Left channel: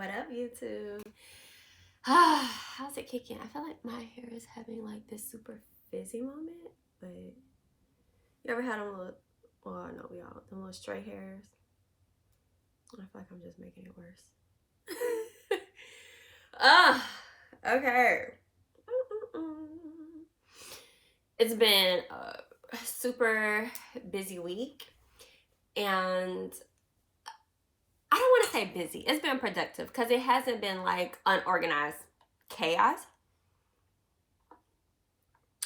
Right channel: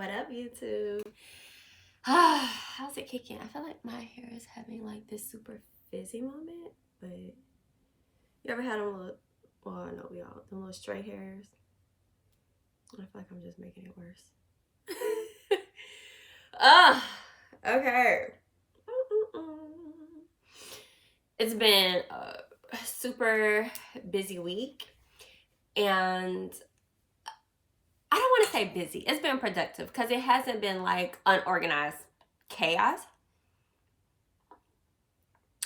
What up, YouTube? How's it kicking? I feel like my hair is having like this super fizzy moment, but you ever had them little, well, I know we all, them little straight hairs? I feel like I'm just making it worse. Okay. It's been a super busy week, and I don't want to say busy. It's been productive because it hasn't been like unorganized chaos,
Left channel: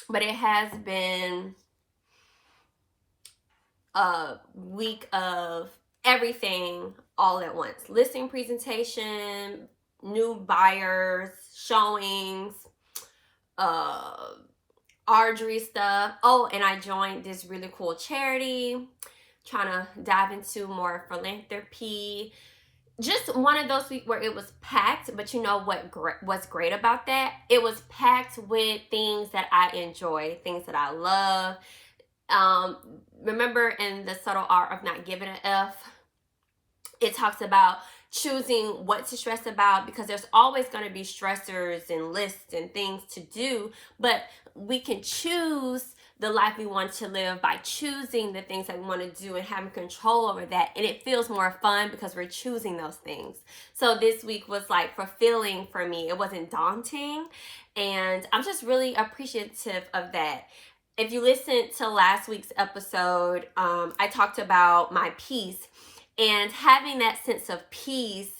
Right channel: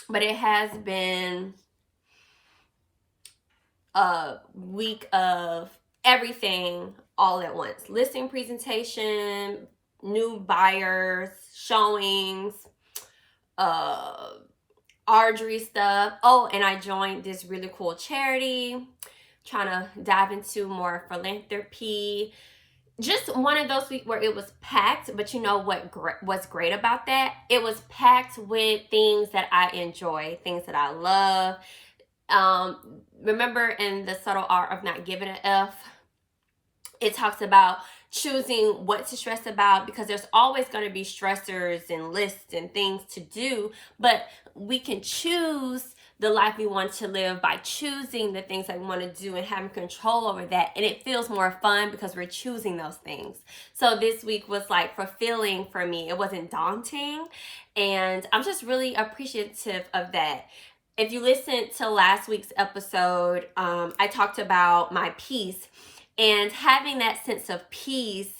but it has been a week of everything all at once. Listing presentation, new buyers, showings, archery stuff. Oh, and I joined this really cool charity, trying to dive into more philanthropy. Just one of those weeks where it was packed, but you know what's great about that? It was packed with things that I enjoy, things that I love. Remember in The Subtle Art of Not Giving an F, it talks about choosing what to stress about, because there's always going to be stressors and lists and things to do, but we can choose the life we want to live by choosing the things that we want to do and having control over that. And it feels more fun because we're choosing those things. So this week was like fulfilling for me. It wasn't daunting. And I'm just really appreciative of that. If you listened to last week's episode, I talked about my peace, and having that sense of peace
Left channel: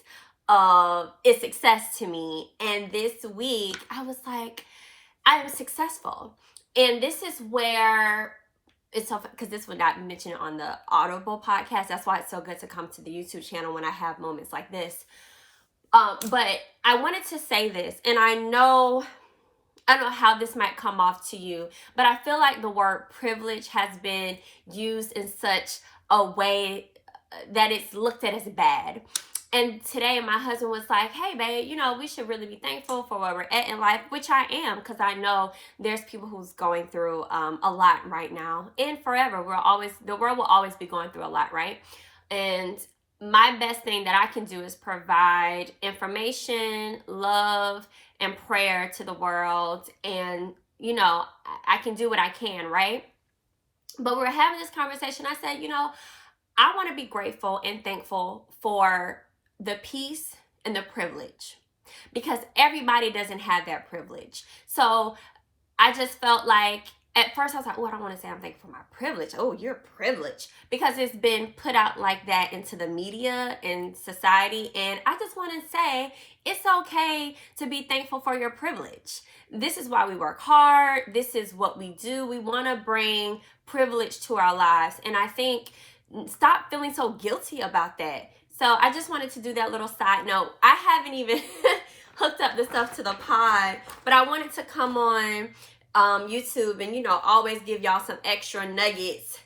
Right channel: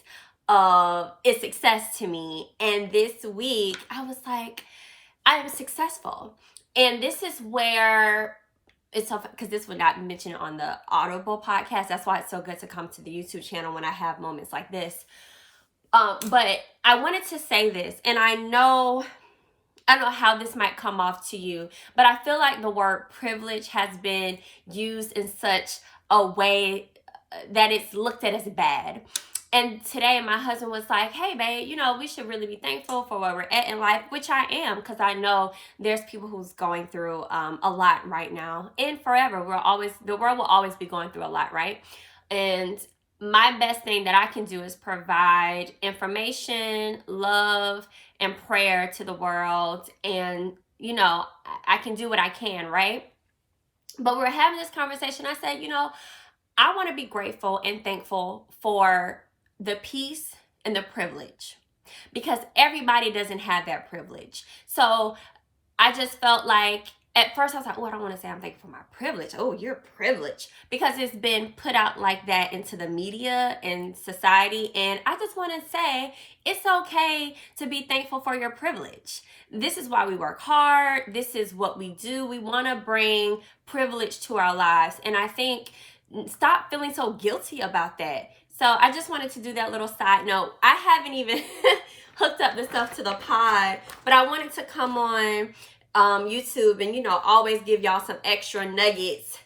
is success to me. And this week I was like, I am successful. And this is where it's so, because this was not mentioned on the Audible podcast. That's why it's so good to come to the YouTube channel when I have moments like this. But I wanted to say this, and I don't know how this might come off to you, but I feel like the word privilege has been used in such a way that it's looked at as bad. And today my husband was like, hey, babe, we should really be thankful for where we're at in life, which I am, because I know there's people who's going through a lot right now, and forever. The world will always be going through a lot, right? And my best thing that I can do is provide information, love, and prayer to the world. And, I can do what I can, right? But we're having this conversation. I said, I want to be grateful and thankful for the peace and the privilege, because everybody doesn't have that privilege. So I just felt like, at first I was like, oh, I don't want to say I'm thankful for my privilege. Oh, you're privileged, because it's been put out like that into the media and society. And I just want to say, it's okay to be thankful for your privilege. This is why we work hard. This is what we do. We want to bring privilege to our lives. And I think, stop feeling so guilty about that. So I just wanted to do that little side note. I haven't even hooked up the stuff to the pod, but I wanted to come on YouTube and, always give y'all some extra nuggets.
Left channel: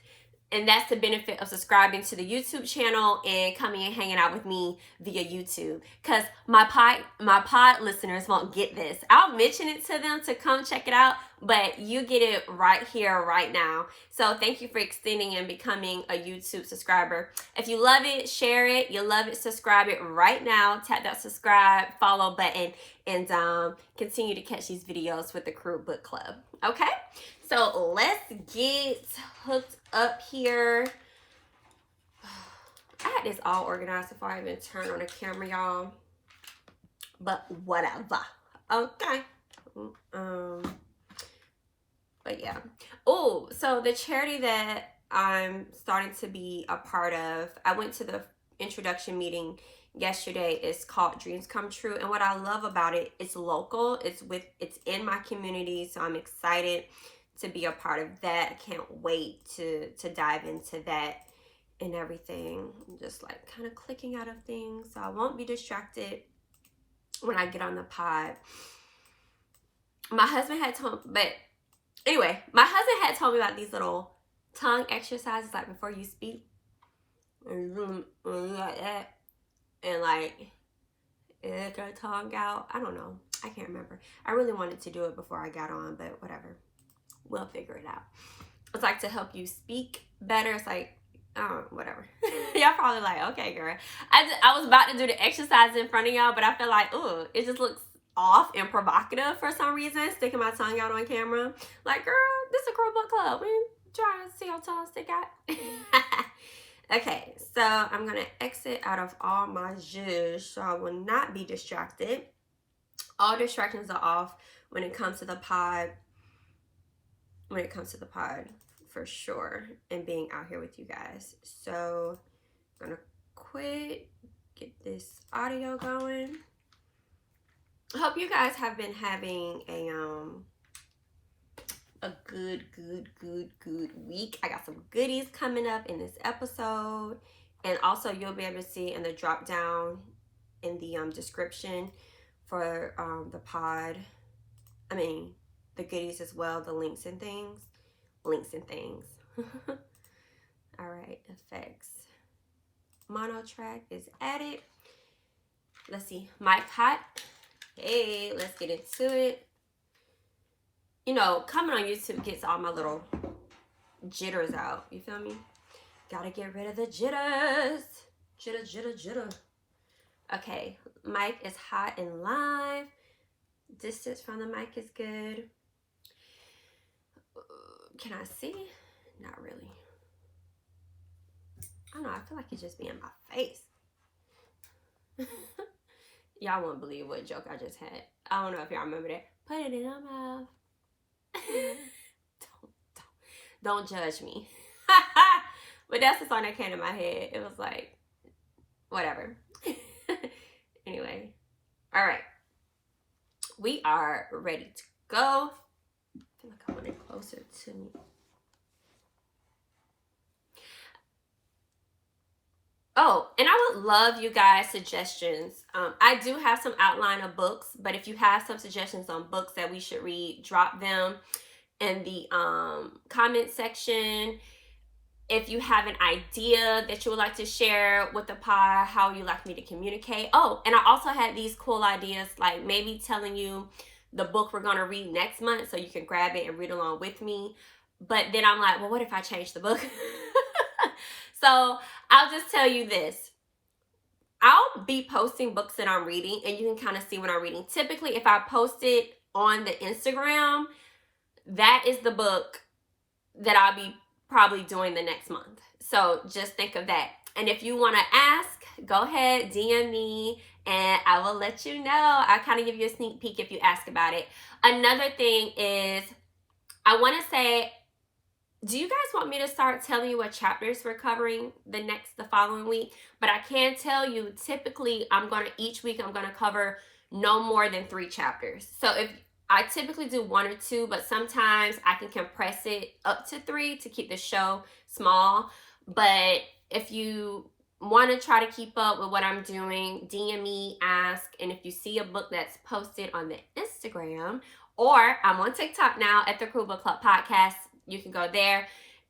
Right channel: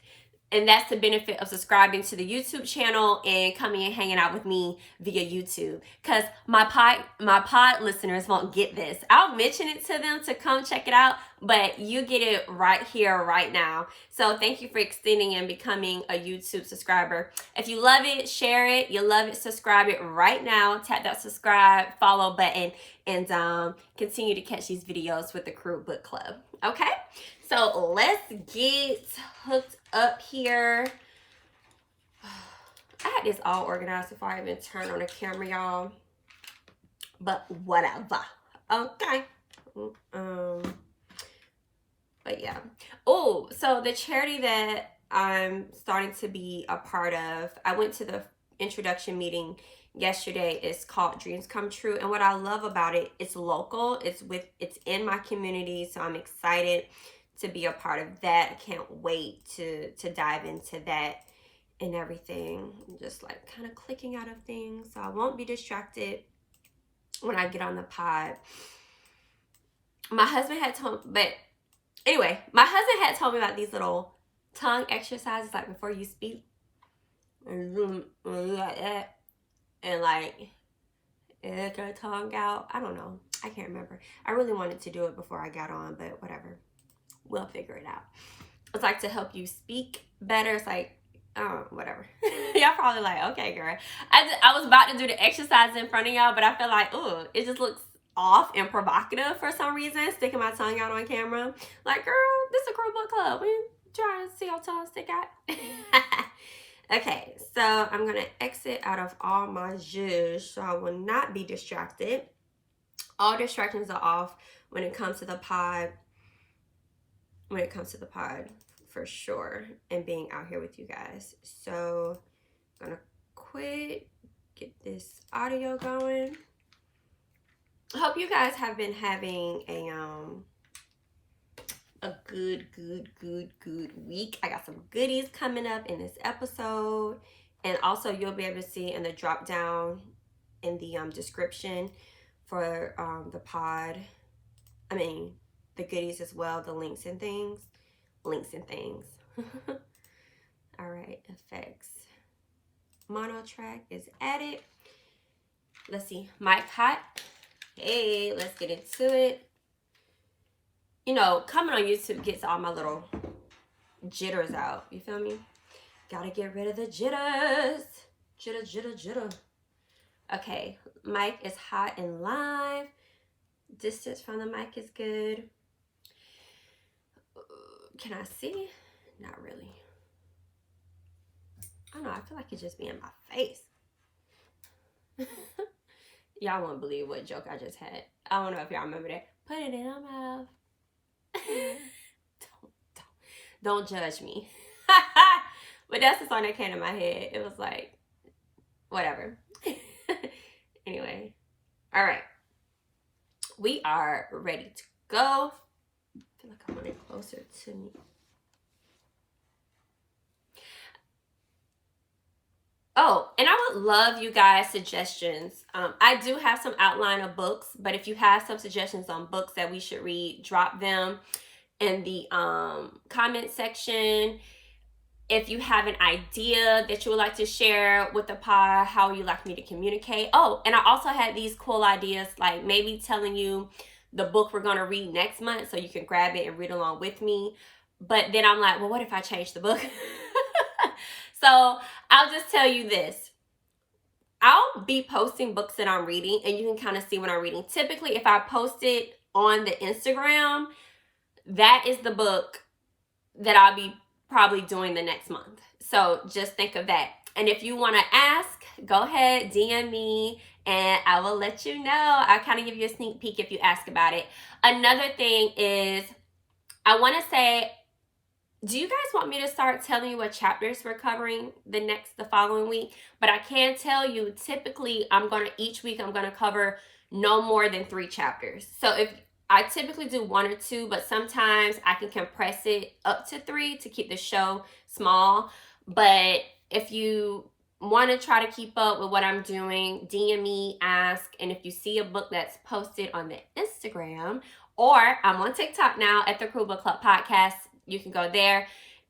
And that's the benefit of subscribing to the YouTube channel and coming and hanging out with me via YouTube. Because my pod listeners won't get this. I'll mention it to them to come check it out, but you get it right here, right now. So thank you for extending and becoming a YouTube subscriber. If you love it, share it. You love it, subscribe it right now. Tap that subscribe, follow button, and continue to catch these videos with the Crew Book Club. Okay? So let's get hooked up here. I had this all organized before I even turned on the camera, y'all. But whatever. Okay. But yeah. Oh, so the charity that I'm starting to be a part of, I went to the introduction meeting yesterday. It's called Dreams Come True. And what I love about it, it's local. It's in my community. So I'm excited to be a part of that. I can't wait to dive into that and everything. I'm just like kind of clicking out of things, so I won't be distracted when I get on the pod. My husband had told me about these little tongue exercises, like before you speak, and like that, and like get your tongue out. I don't know. I can't remember. I really wanted to do it before I got on, but whatever. We'll figure it out. It's like to help you speak better. It's like Oh, whatever. Y'all probably like, okay, girl. I was about to do the exercise in front of y'all, but I feel like, ooh, it just looks off and provocative for some reason, sticking my tongue out on camera. Like, girl, this is a Crow Book Club. We trying to see how tall I stick out. Okay, so I'm going to exit out of all my zhuzh so I will not be distracted. All distractions are off when it comes to the pod. When it comes to the pod, for sure, and being out here with you guys. So I'm gonna quit, get this audio going. I hope you guys have been having a good week. I got some goodies coming up in this episode, and also you'll be able to see in the drop down in the description for the pod. I mean, the goodies as well, the links and things. All right, effects. Mono track is added. Let's see, mic hot. Hey, let's get into it. You know, coming on YouTube gets all my little jitters out. You feel me? Gotta get rid of the jitters. Jitter. Okay, mic is hot and live. Distance from the mic is good. Can I see? Not really. I don't know. I feel like it just be in my face. Y'all won't believe what joke I just had. I don't know if y'all remember that. Put it in my mouth. Don't judge me. But that's the song that came to my head. It was like, whatever. Anyway. All right. We are ready to go. I feel like I want it closer to me. Oh, and I would love you guys' suggestions. I do have some outline of books, but if you have some suggestions on books that we should read, drop them in the comment section. If you have an idea that you would like to share with the pod, how you like me to communicate. Oh, and I also had these cool ideas, like maybe telling you the book we're going to read next month so you can grab it and read along with me. But then I'm like, well, what if I change the book? So I'll just tell you this. I'll be posting books that I'm reading, and you can kind of see what I'm reading. Typically, if I post it on the Instagram, that is the book that I'll be probably doing the next month. So just think of that. And if you want to ask, go ahead, DM me, and I will let you know. I'll kind of give you a sneak peek if you ask about it. Another thing is, I want to say, do you guys want me to start telling you what chapters we're covering the following week? But I can tell you, typically, each week I'm going to cover no more than 3 chapters. So if I typically do 1 or 2, but sometimes I can compress it up to 3 to keep the show small. But if you want to try to keep up with what I'm doing, DM me, ask, and if you see a book that's posted on the Instagram, or I'm on TikTok now at the Crow Book Club Podcast, you can go there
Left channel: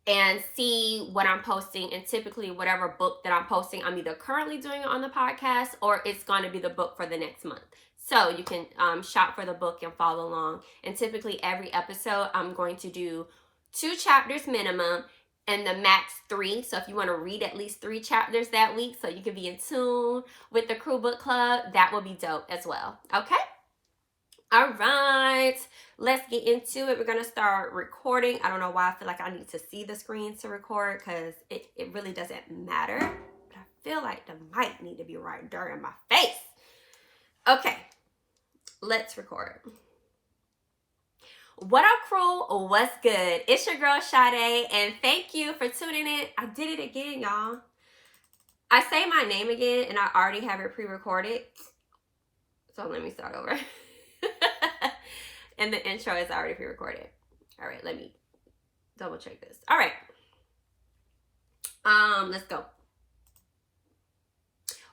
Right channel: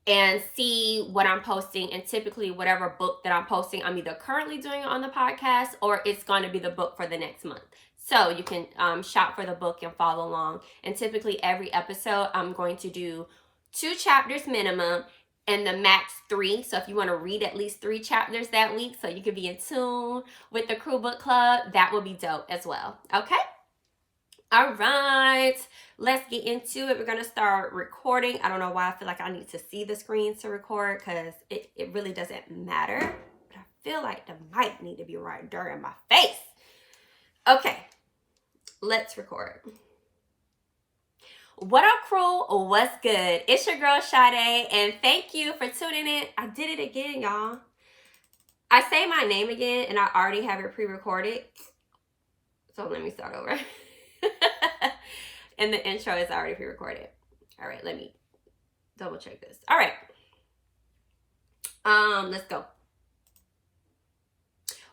and see what I'm posting. And typically, whatever book that I'm posting, I'm either currently doing it on the podcast or it's going to be the book for the next month. So you can shop for the book and follow along. And typically, every episode, I'm going to do 2 chapters minimum and the max 3. So if you want to read at least 3 chapters that week so you can be in tune with the Crew Book Club, that will be dope as well. Okay? All right. Let's get into it. We're going to start recording. I don't know why I feel like I need to see the screen to record because it really doesn't matter. But I feel like the mic need to be right there in my face. Okay. Let's record. What up, crew? What's good? It's your girl, Sade, and thank you for tuning in. I did it again, y'all. I say my name again, and I already have it pre-recorded. So let me start over. And the intro is already pre-recorded. All right, let me double check this. All right. Let's go.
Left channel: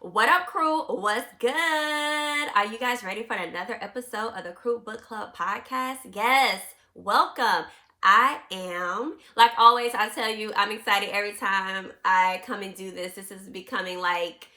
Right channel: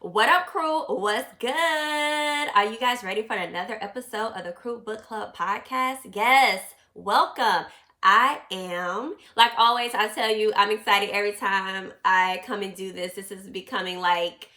What up, crew? What's good? Are you guys ready for another episode of the Crew Book Club podcast? Yes, welcome. I am. Like always, I tell you, I'm excited every time I come and do this. This is becoming like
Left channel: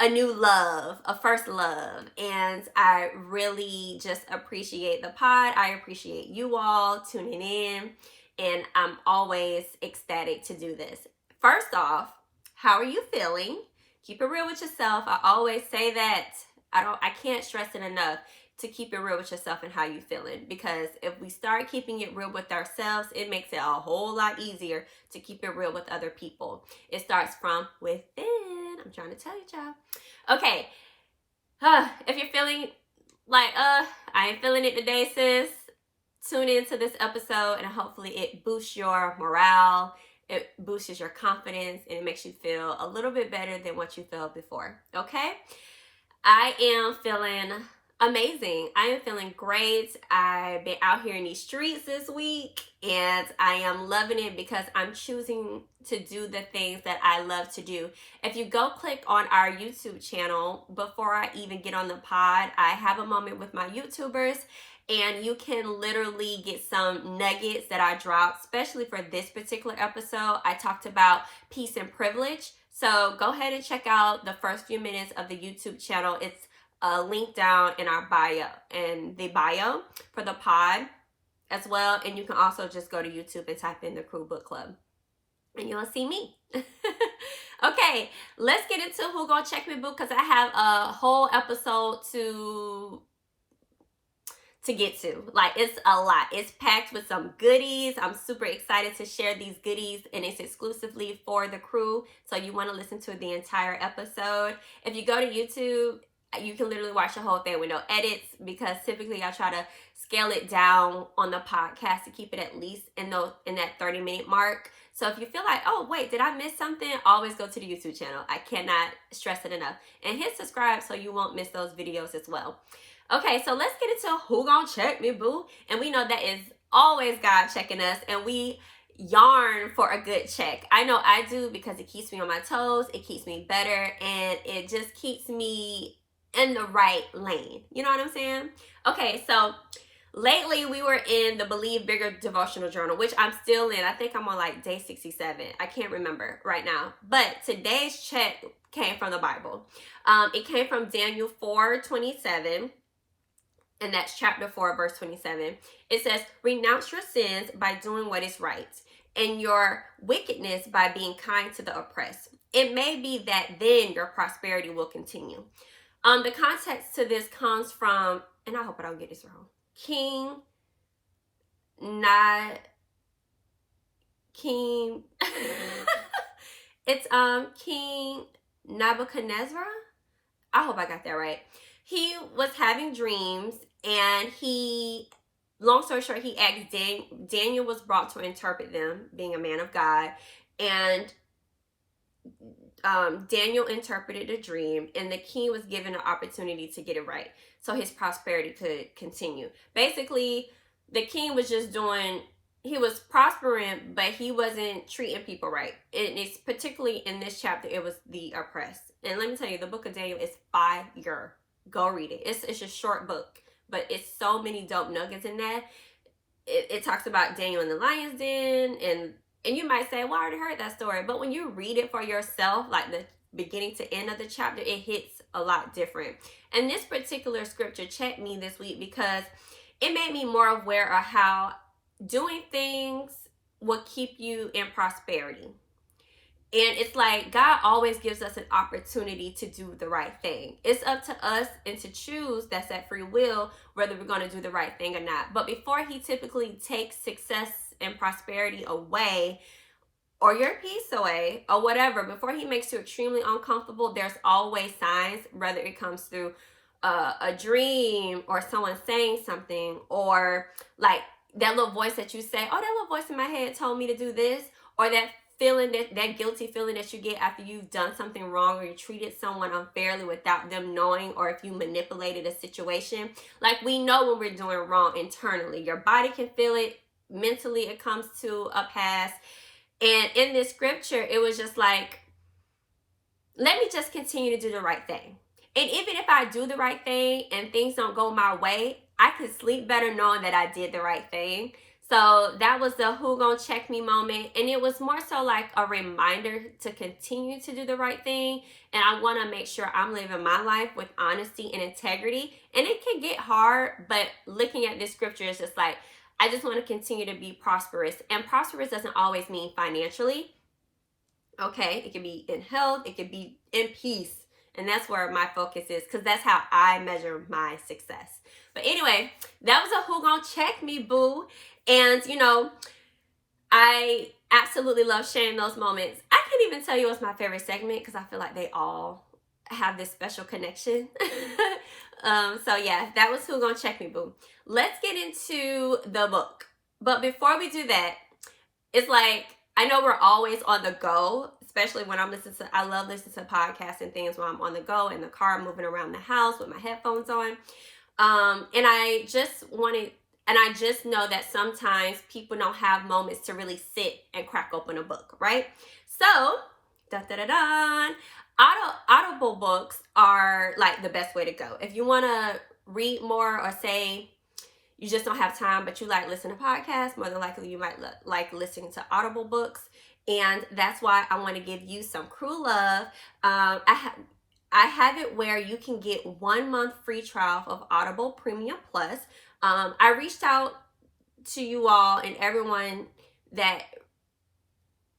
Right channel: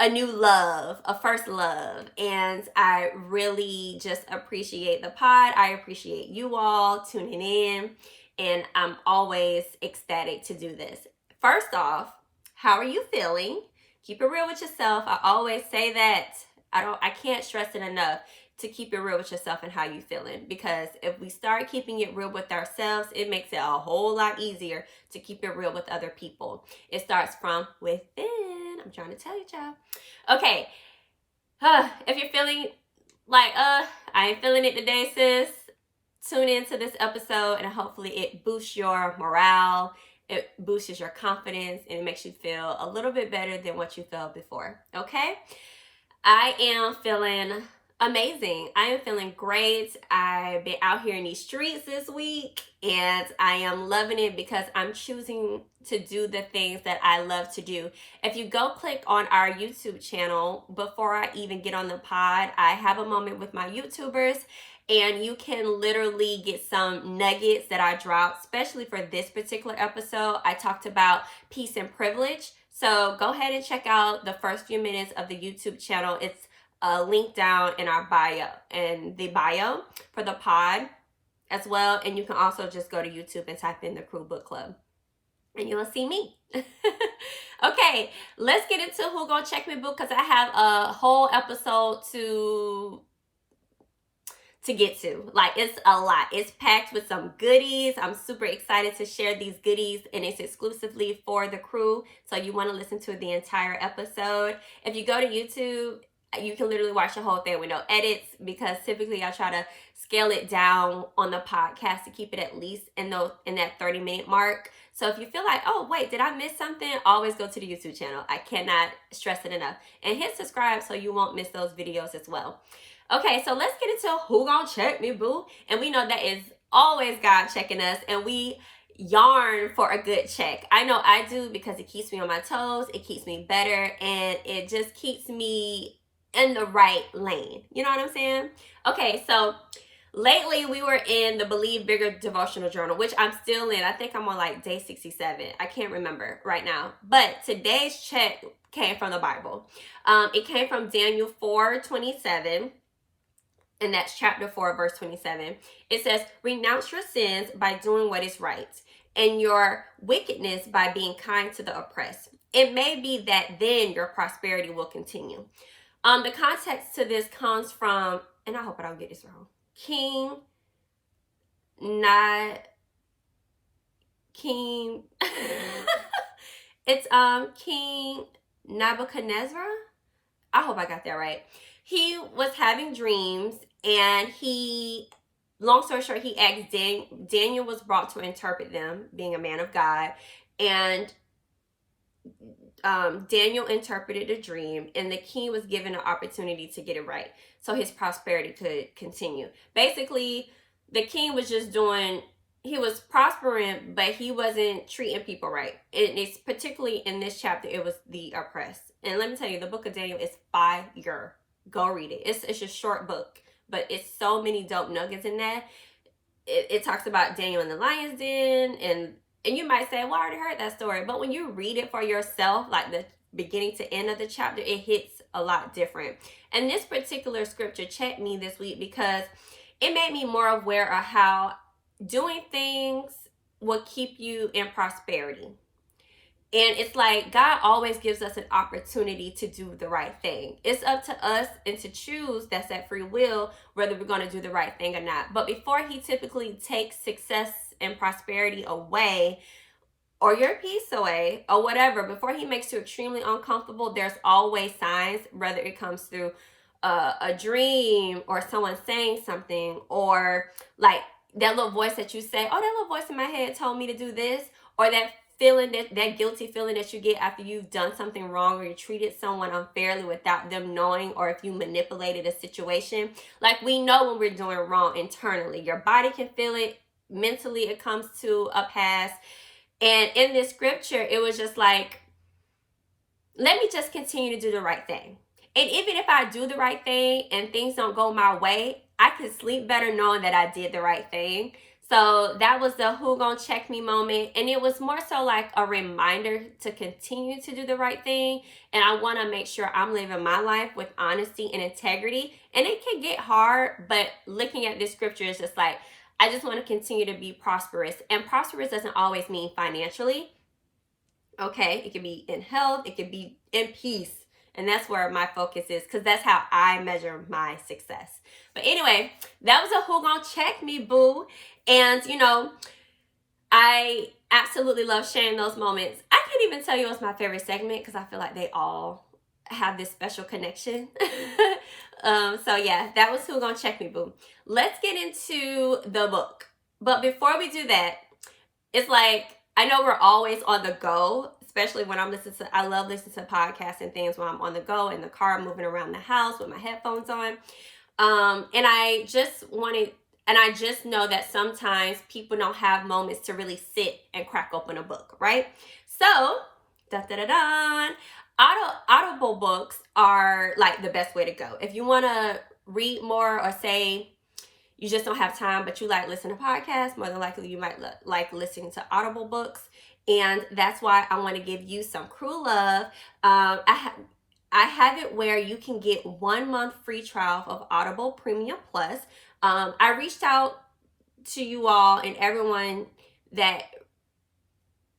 a new love, a first love. And I really just appreciate the pod. I appreciate you all tuning in. And I'm always ecstatic to do this. First off, how are you feeling? Keep it real with yourself. I always say that. I can't stress it enough to keep it real with yourself and how you feeling, because if we start keeping it real with ourselves, it makes it a whole lot easier to keep it real with other people. It starts from within. I'm trying to tell you, child. Okay. If you're feeling like I ain't feeling it today, sis, tune into this episode and hopefully it boosts your morale, it boosts your confidence, and it makes you feel a little bit better than what you felt before. Okay? I am feeling amazing. I am feeling great. I've been out here in these streets this week and I am loving it because I'm choosing to do the things that I love to do. If you go click on our YouTube channel, before I even get on the pod, I have a moment with my YouTubers, and you can literally get some nuggets that I dropped, especially for this particular episode. I talked about peace and privilege. So go ahead and check out the first few minutes of the YouTube channel. It's a link down in our bio, and the bio for the pod as well. And you can also just go to YouTube and type in the Crew Book Club and you'll see me. Okay, let's get into Who Gonna Check Me Boo, because I have a whole episode to get to. Like, it's a lot. It's packed with some goodies. I'm super excited to share these goodies, and it's exclusively for the crew, so you want to listen to the entire episode. If you go to YouTube, you can literally watch the whole thing with no edits, because typically I try to scale it down on the podcast to keep it at least in that 30-minute mark. So if you feel like, oh wait, did I miss something, always go to the YouTube channel. I cannot stress it enough. And hit subscribe so you won't miss those videos as well. Okay, so let's get into Who Gonna Check Me Boo. And we know that is always God checking us, and we yarn for a good check. I know I do, because it keeps me on my toes, it keeps me better, and it just keeps me in the right lane. You know what I'm saying? Okay, so lately we were in the Believe Bigger devotional journal, which I'm still in. I think I'm on like day 67. I can't remember right now. But today's check came from the Bible. It came from Daniel 4:27. And that's chapter 4, verse 27. It says, renounce your sins by doing what is right, and your wickedness by being kind to the oppressed. It may be that then your prosperity will continue. The context to this comes from, and I hope I don't get this wrong, it's King Nebuchadnezzar. I hope I got that right. He was having dreams, and long story short, he asked Daniel was brought to interpret them, being a man of God, and Daniel interpreted the dream, and the king was given an opportunity to get it right, so his prosperity could continue. Basically, the king was just he was prospering, but he wasn't treating people right. And it's particularly in this chapter, it was the oppressed. And let me tell you, the book of Daniel is fire. Go read it. It's a short book, but it's so many dope nuggets in that. It talks about Daniel in the lion's den, and you might say, well, I already heard that story. But when you read it for yourself, like the beginning to end of the chapter, it hits a lot different. And this particular scripture checked me this week because it made me more aware of how doing things will keep you in prosperity. And it's like God always gives us an opportunity to do the right thing. It's up to us and to choose, that's that free will, whether we're going to do the right thing or not. But before he typically takes success and prosperity away, or your peace away, or whatever, before he makes you extremely uncomfortable, there's always signs, whether it comes through a dream or someone saying something, or like that little voice that you say, oh, that little voice in my head told me to do this, or that feeling, that guilty feeling that you get after you've done something wrong, or you treated someone unfairly without them knowing, or if you manipulated a situation. Like, we know when we're doing wrong internally. Your body can feel it. Mentally, it comes to a pass. And in this scripture, it was just like, let me just continue to do the right thing. And even if I do the right thing and things don't go my way, I could sleep better knowing that I did the right thing. So that was the Who Gonna Check Me moment. And it was more so like a reminder to continue to do the right thing. And I want to make sure I'm living my life with honesty and integrity. And it can get hard, but looking at this scripture is just like, I just want to continue to be prosperous. And prosperous doesn't always mean financially. Okay, it can be in health, it can be in peace. And that's where my focus is, because that's how I measure my success. But anyway, that was a Who Gon Check Me Boo. And I absolutely love sharing those moments. I can't even tell you what's my favorite segment, because I feel like they all have this special connection. So yeah, that was Who Gon Check Me Boo. Let's get into the book. But before we do that, it's like, I know we're always on the go, especially when I love listening to podcasts and things when I'm on the go in the car, moving around the house with my headphones on. And I just know that sometimes people don't have moments to really sit and crack open a book, right? So, Audible books are like the best way to go. If you want to read more, or say you just don't have time, but you like listening to podcasts, more than likely you might like listening to Audible books. And that's why I want to give you some cruel love. I have it where you can get 1 month free trial of Audible Premium Plus. I reached out to you all and everyone that,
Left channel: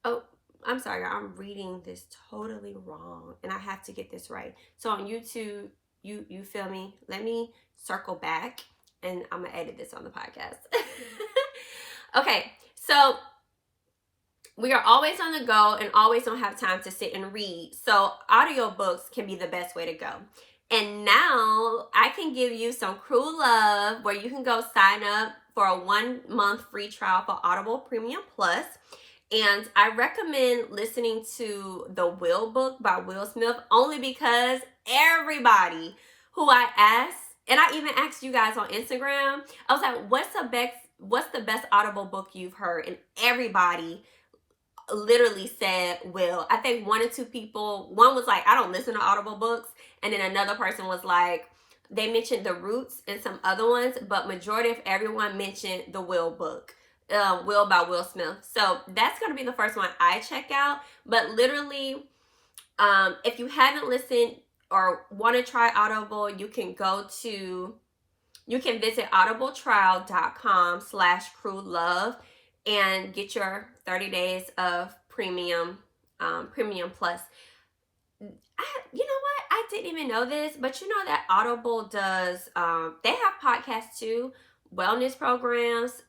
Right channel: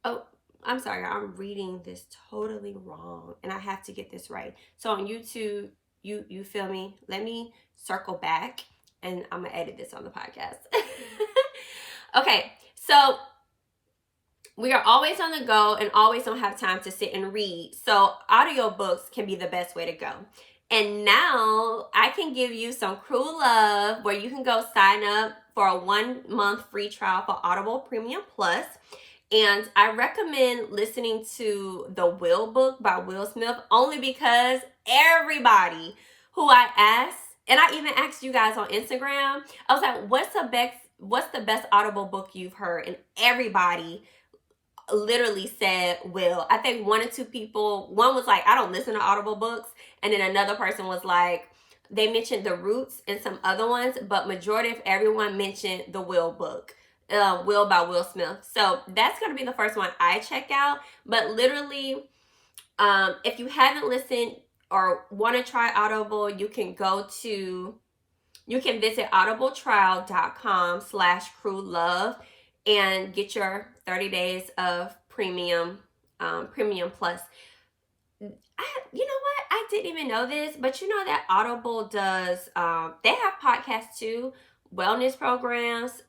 oh, I'm sorry, I'm reading this totally wrong, and I have to get this right. So on YouTube, you feel me? Let me circle back, and I'm gonna edit this on the podcast. Okay, so we are always on the go and always don't have time to sit and read. So audiobooks can be the best way to go. And now I can give you some cruel love where you can go sign up for a 1 month free trial for Audible Premium Plus. And I recommend listening to the Will book by Will Smith, only because everybody who I asked, and I even asked you guys on Instagram, I was like, what's the best Audible book you've heard? And everybody literally said Will. I think 1 or 2 people, one was like, I don't listen to Audible books. And then another person was like, they mentioned The Roots and some other ones, but majority of everyone mentioned the Will book. Will by Will Smith. So that's going to be the first one I check out. But literally, if you haven't listened or want to try Audible, you can visit audibletrial.com/crewlove and get your 30 days of premium plus. You know what? I didn't even know this, but you know that Audible does, they have podcasts too, wellness programs,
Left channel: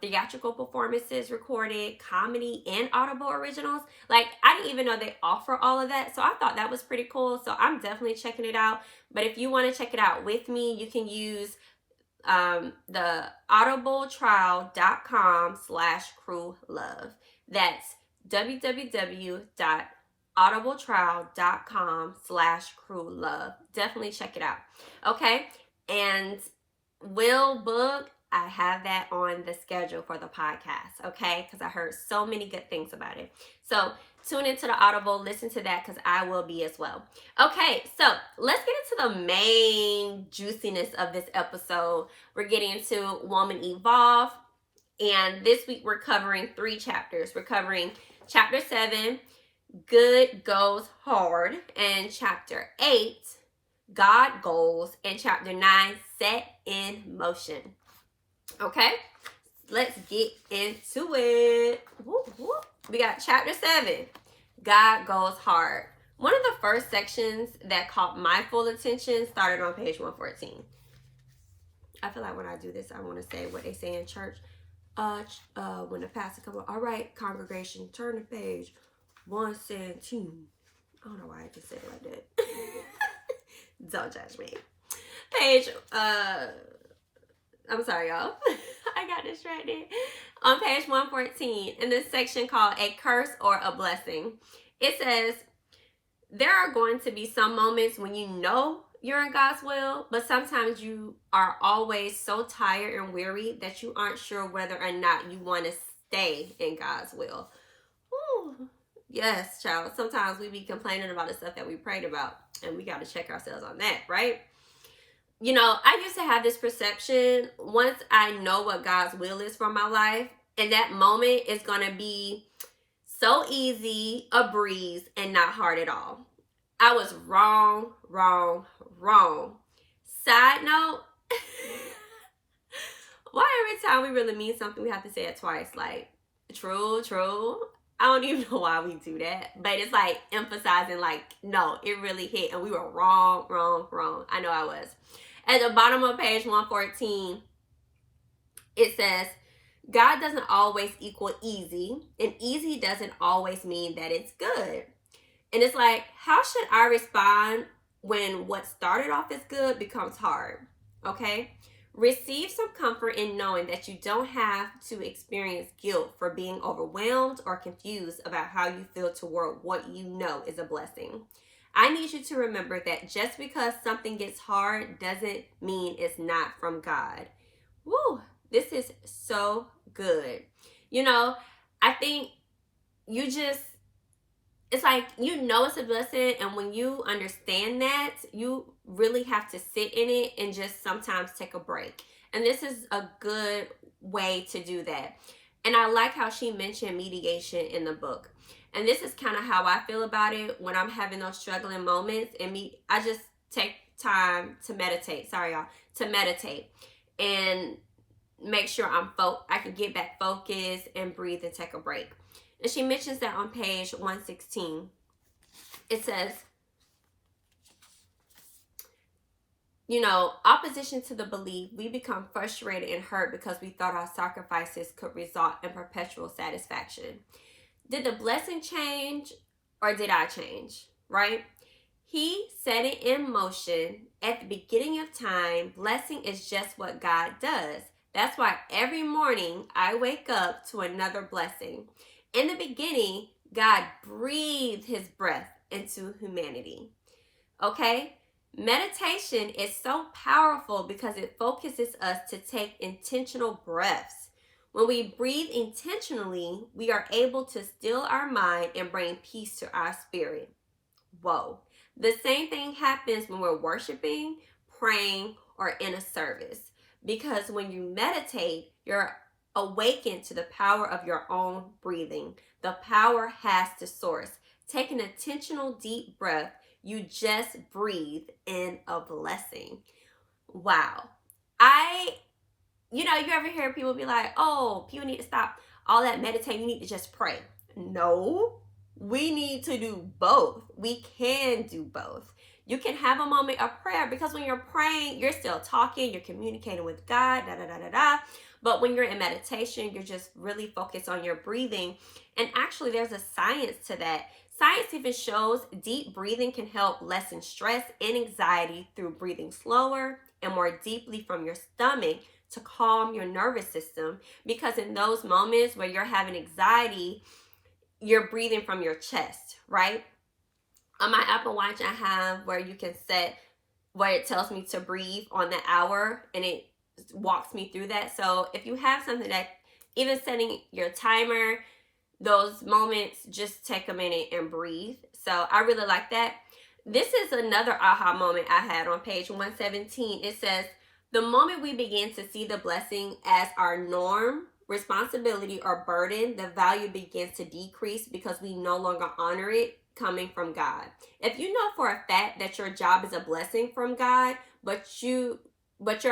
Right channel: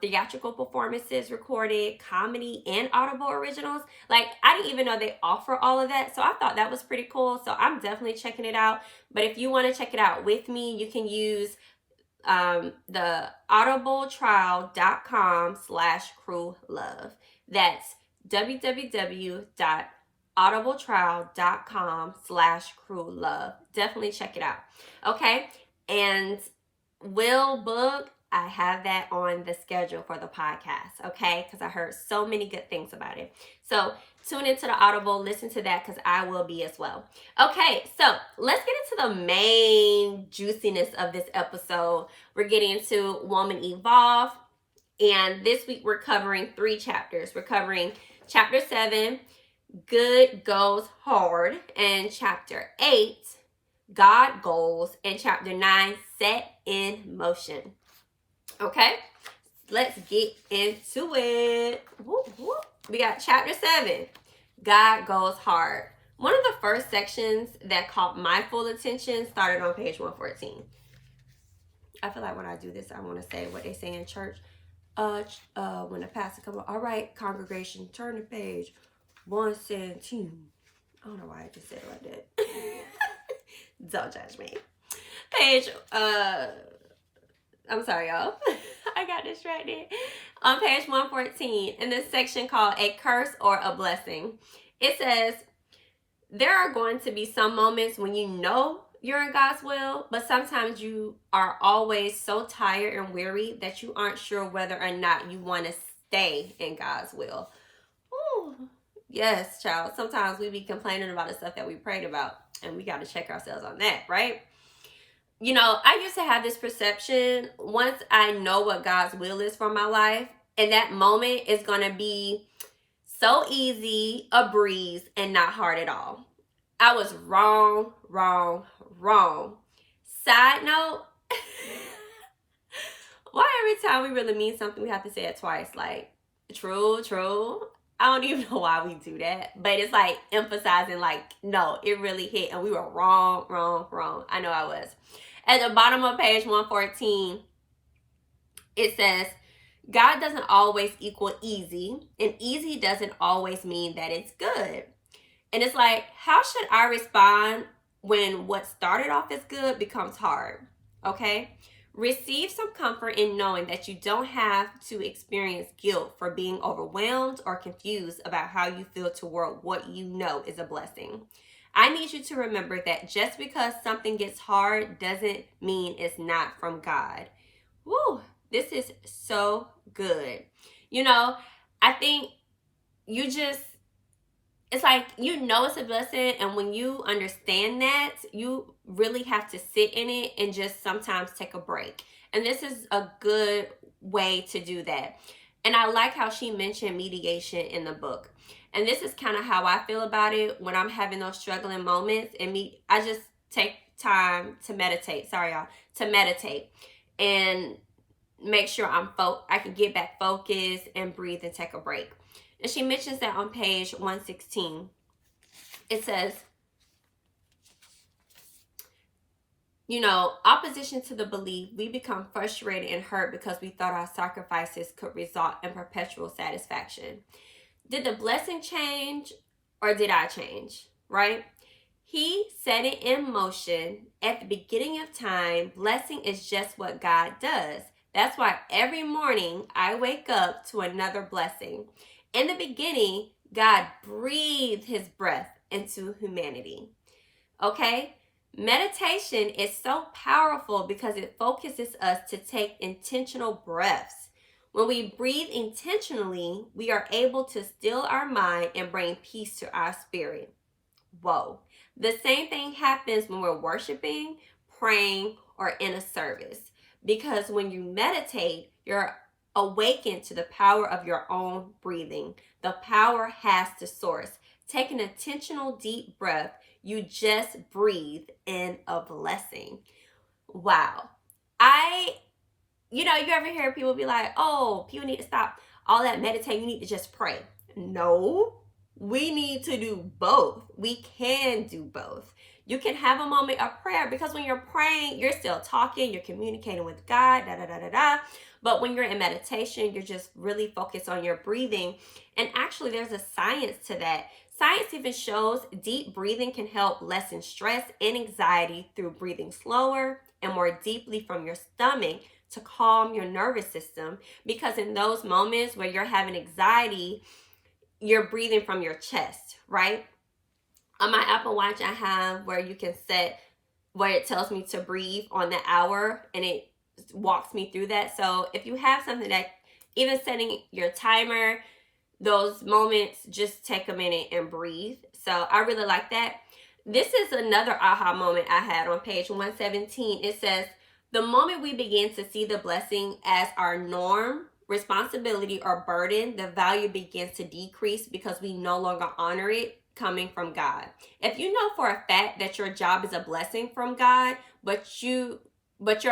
theatrical performances recorded, comedy, and Audible originals. Like, I didn't even know they offer all of that. So I thought that was pretty cool. So I'm definitely checking it out. But if you want to check it out with me, you can use the audibletrial.com/crewlove. That's www.audibletrial.com/crewlove. Definitely check it out. Okay. And Will book, I have that on the schedule for the podcast. Okay. Because I heard so many good things about it. So tune into the Audible, listen to that, because I will be as well. Okay, so let's get into the main juiciness of this episode. We're getting into Woman Evolve, and this week we're covering 3 chapters. We're covering Chapter 7, Good Goes Hard, and Chapter 8, God Goals, and Chapter 9, Set in Motion. Okay, let's get into it. Whoop, whoop. We got Chapter 7, God Goes Hard. One of the first sections that caught my full attention started on page 114. I feel like when I do this, I want to say what they say in church. When the pastor comes, all right, congregation, turn to page 117. I don't know why I just said it like that. Don't judge me. I'm sorry, y'all. I got distracted. On page 114, in this section called A Curse or a Blessing, it says, there are going to be some moments when you know you're in God's will, but sometimes you are always so tired and weary that you aren't sure whether or not you want to stay in God's will. Ooh. Yes, child. Sometimes we be complaining about the stuff that we prayed about, and we got to check ourselves on that, right? You know, I used to have this perception, once I know what God's will is for my life, and that moment is going to be so easy, a breeze, and not hard at all. I was wrong. Side note, why every time we really mean something, we have to say it twice? Like, true. I don't even know why we do that, but it's like emphasizing like, no, it really hit and we were wrong. I know I was. At the bottom of page 114, it says, God doesn't always equal easy, and easy doesn't always mean that it's good. And it's like, how should I respond when what started off as good becomes hard? Okay? Receive some comfort in knowing that you don't have to experience guilt for being overwhelmed or confused about how you feel toward what you know is a blessing. I need you to remember that just because something gets hard doesn't mean it's not from God. Woo! This is so good. You know, I think it's like, you know, it's a blessing, and when you understand that, you really have to sit in it and just sometimes take a break. And this is a good way to do that. And I like how she mentioned mediation in the book. And this is kind of how I feel about it when I'm having those struggling moments. And I just take time to meditate. Sorry, y'all. To meditate and make sure I can get back focused and breathe and take a break. And she mentions that on page 116. It says, you know, opposition to the belief, we become frustrated and hurt because we thought our sacrifices could result in perpetual satisfaction. Did the blessing change or did I change, right? He set it in motion at the beginning of time. Blessing is just what God does. That's why every morning I wake up to another blessing. In the beginning, God breathed his breath into humanity. Okay? Meditation is so powerful because it focuses us to take intentional breaths. When we breathe intentionally, we are able to still our mind and bring peace to our spirit. Whoa. The same thing happens when we're worshiping, praying, or in a service. Because when you meditate, you're awakened to the power of your own breathing. The power has to source. Take an intentional deep breath. You just breathe in a blessing. Wow. You ever hear people be like, oh, people need to stop all that meditating. You need to just pray. No, we need to do both. We can do both. You can have a moment of prayer because when you're praying, you're still talking, you're communicating with God, But when you're in meditation, you're just really focused on your breathing. And actually, there's a science to that. Science even shows deep breathing can help lessen stress and anxiety through breathing slower and more deeply from your stomach to calm your nervous system. Because in those moments where you're having anxiety, you're breathing from your chest, right? On my Apple Watch, I have where you can set where it tells me to breathe on the hour, and it walks me through that. So if you have something that, even setting your timer, those moments, just take a minute and breathe. So I really like that. This is another aha moment I had on page 117. It says, the moment we begin to see the blessing as our norm, responsibility, or burden, the value begins to decrease because we no longer honor it coming from God. If you know for a fact that your job is a blessing from God, but your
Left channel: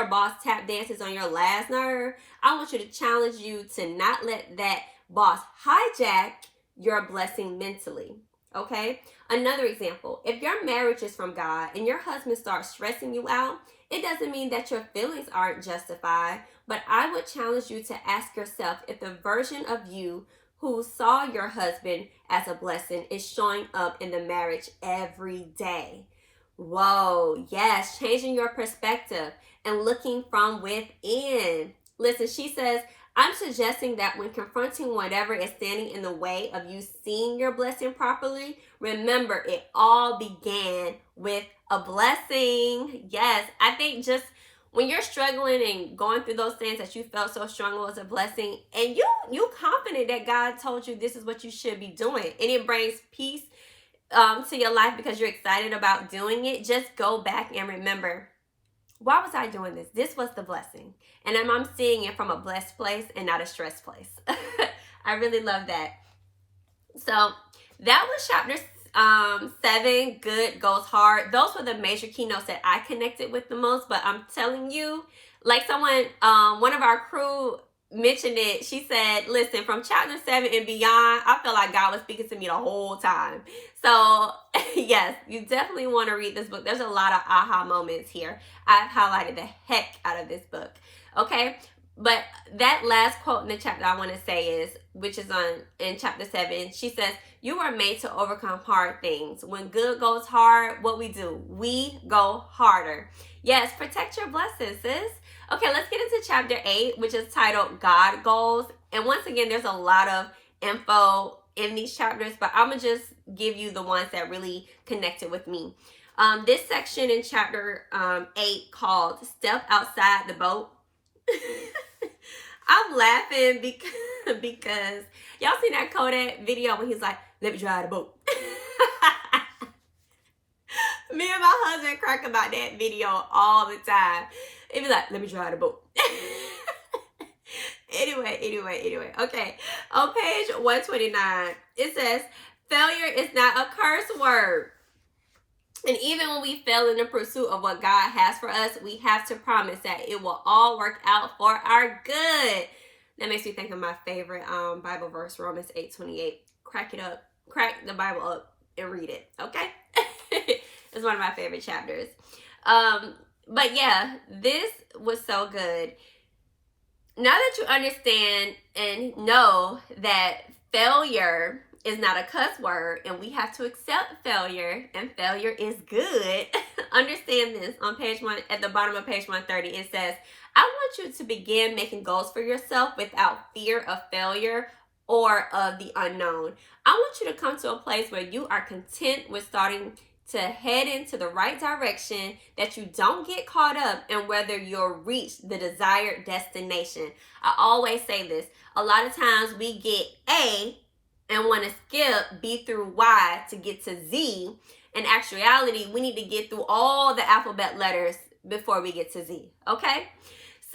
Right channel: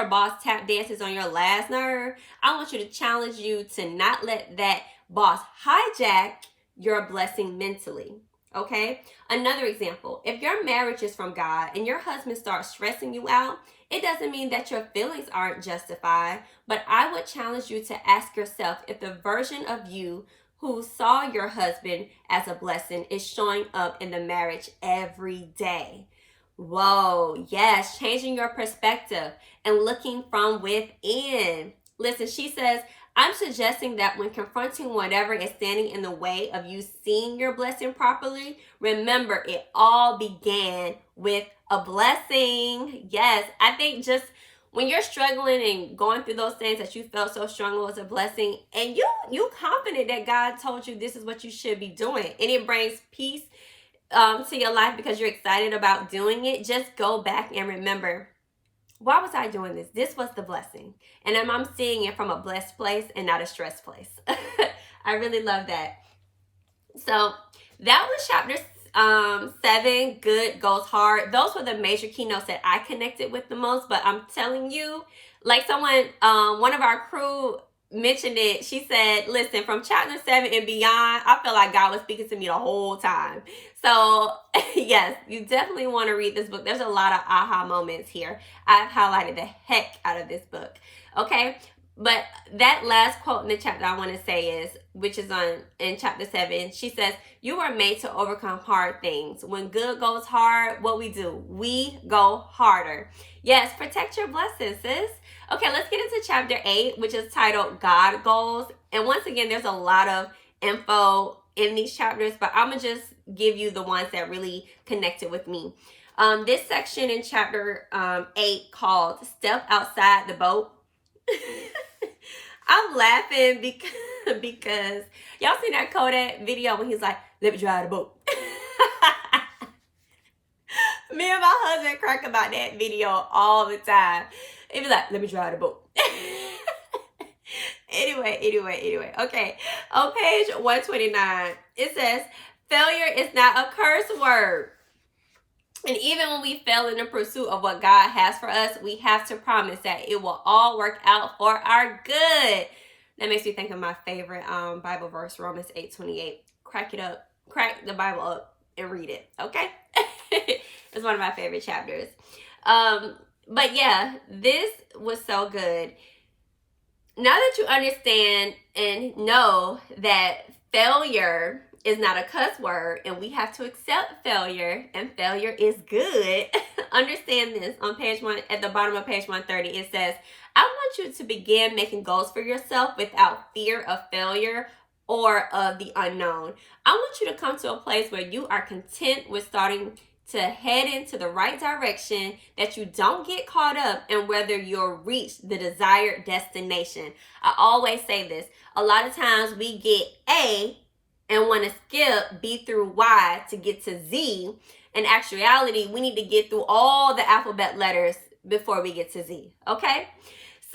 boss tap dances on your last nerve, I want you to challenge you to not let that boss hijack your blessing mentally. Okay? Another example, if your marriage is from God and your husband starts stressing you out, it doesn't mean that your feelings aren't justified, but I would challenge you to ask yourself if the version of you who saw your husband as a blessing is showing up in the marriage every day. Whoa, yes, changing your perspective and looking from within. Listen, she says, I'm suggesting that when confronting whatever is standing in the way of you seeing your blessing properly, remember it all began with a blessing. Yes, I think just when you're struggling and going through those things that you felt so strong was a blessing, and you confident that God told you this is what you should be doing, and it brings peace to your life because you're excited about doing it, just go back and remember, why was I doing this? This was the blessing. And I'm seeing it from a blessed place and not a stressed place. I really love that. So that was chapter 7, Good Goes Hard. Those were the major keynotes that I connected with the most. But I'm telling you, like one of our crew mentioned it. She said, listen, from chapter 7 and beyond, I feel like God was speaking to me the whole time. So, yes, you definitely want to read this book. There's a lot of aha moments here. I've highlighted the heck out of this book. Okay? But that last quote in the chapter I want to say is, which is in chapter 7, she says, you were made to overcome hard things. When good goes hard, what we do? We go harder. Yes, protect your blessings, sis. Okay, let's get into chapter 8, which is titled God Goals. And once again, there's a lot of info in these chapters, but I'm going to just give you the ones that really connected with me. This section in chapter 8 called Step Outside the Boat. I'm laughing because y'all seen that Kodak video when he's like, let me drive the boat. Me and my husband crack about that video all the time. It was like, let me drive the boat. Anyway. Okay. On page 129, it says, failure is not a curse word. And even when we fail in the pursuit of what God has for us, we have to promise that it will all work out for our good. That makes me think of my favorite Bible verse, Romans 8:28. Crack the Bible up and read it, okay? It's one of my favorite chapters. But yeah, this was so good. Now that you understand and know that failure is not a cuss word and we have to accept failure and failure is good, understand this. On page 1, at the bottom of page 130, it says, I want you to begin making goals for yourself without fear of failure or of the unknown. I want you to come to a place where you are content with starting to head into the right direction, that you don't get caught up in whether you'll reach the desired destination. I always say this. A lot of times we get A and want to skip B through Y to get to Z. In actuality, we need to get through all the alphabet letters before we get to Z, okay?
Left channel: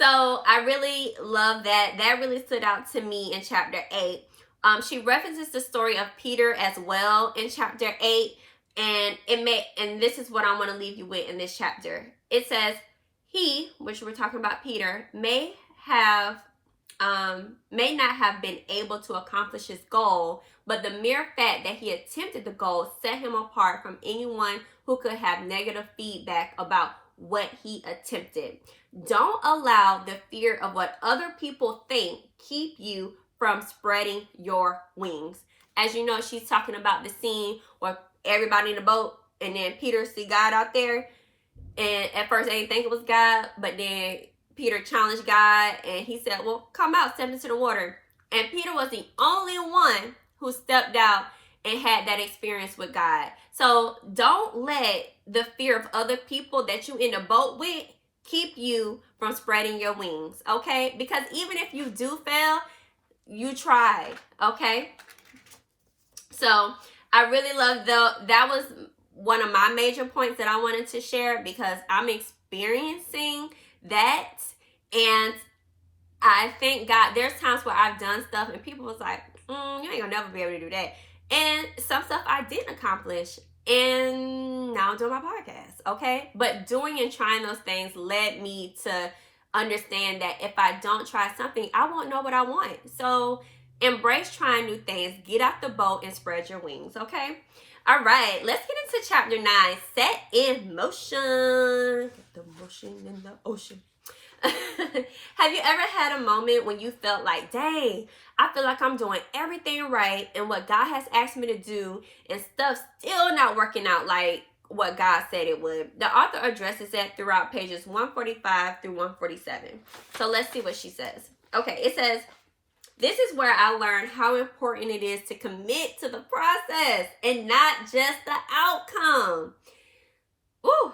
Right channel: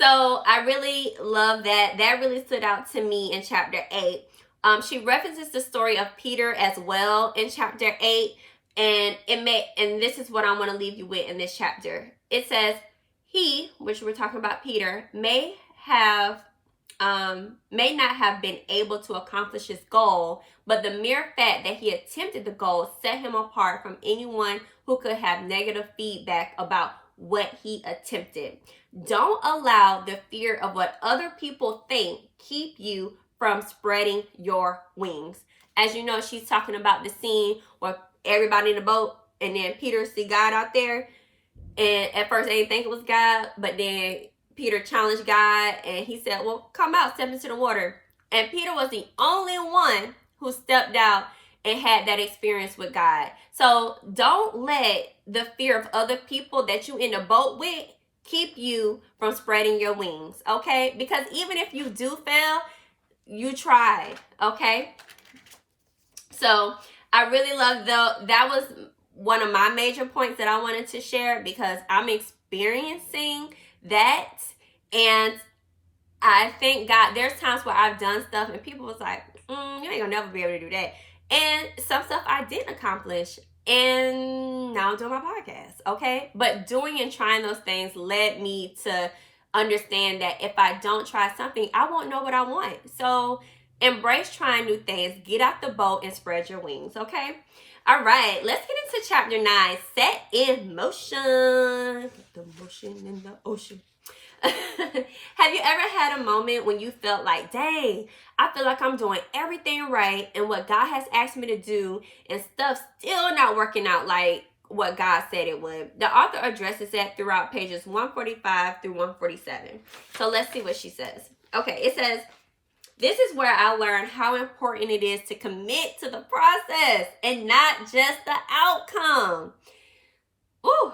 So I really love that. That really stood out to me in chapter 8. She references the story of Peter as well in chapter 8. And this is what I want to leave you with in this chapter. It says, he, which we're talking about Peter, may not have been able to accomplish his goal, but the mere fact that he attempted the goal set him apart from anyone who could have negative feedback about what he attempted. Don't allow the fear of what other people think keep you from spreading your wings. As you know, she's talking about the scene where everybody in the boat, and then Peter see God out there, and at first they didn't think it was God, but then Peter challenged God, and he said, well, come out, step into the water. And Peter was the only one who stepped out and had that experience with God. So don't let the fear of other people that you in the boat with keep you from spreading your wings, okay? Because even if you do fail, you tried, okay? So I really love that was one of my major points that I wanted to share, because I'm experiencing that. And I thank God, there's times where I've done stuff and people was like, you ain't gonna never be able to do that. And some stuff I didn't accomplish, and now I'm doing my podcast, okay? But doing and trying those things led me to understand that if I don't try something, I won't know what I want. So embrace trying new things. Get out the boat and spread your wings, okay? All right, let's get into chapter 9, Set in Motion. Get the motion in the ocean. Have you ever had a moment when you felt like, dang, I feel like I'm doing everything right and what God has asked me to do, and stuff still not working out like what God said it would? The author addresses that throughout pages 145 through 147. So let's see what she says. Okay, it says, this is where I learned how important it is to commit to the process and not just the outcome. Ooh.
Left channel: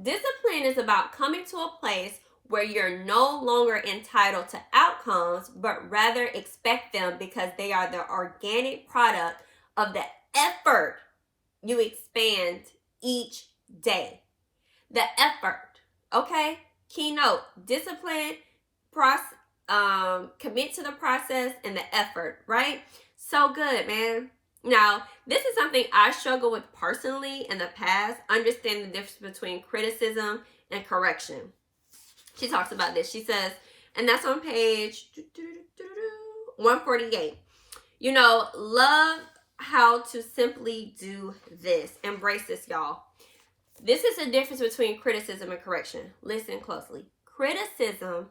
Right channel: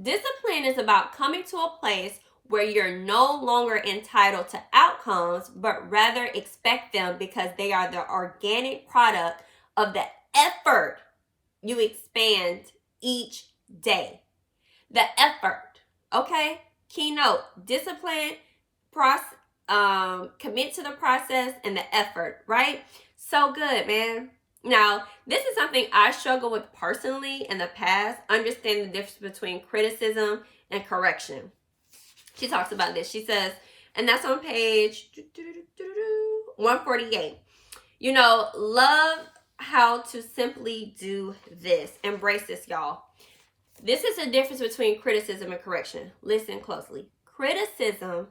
Discipline is about coming to a place where you're no longer entitled to outcomes, but rather expect them because they are the organic product of the effort you expend each day. The effort, okay? Keynote, discipline, commit to the process, and the effort, right? So good, man. Now, this is something I struggle with personally in the past, understanding the difference between criticism and correction. She talks about this. She says, And that's on page 148. You know, love how to simply do this. Embrace this, y'all. This is the difference between criticism and correction. Listen closely. Criticism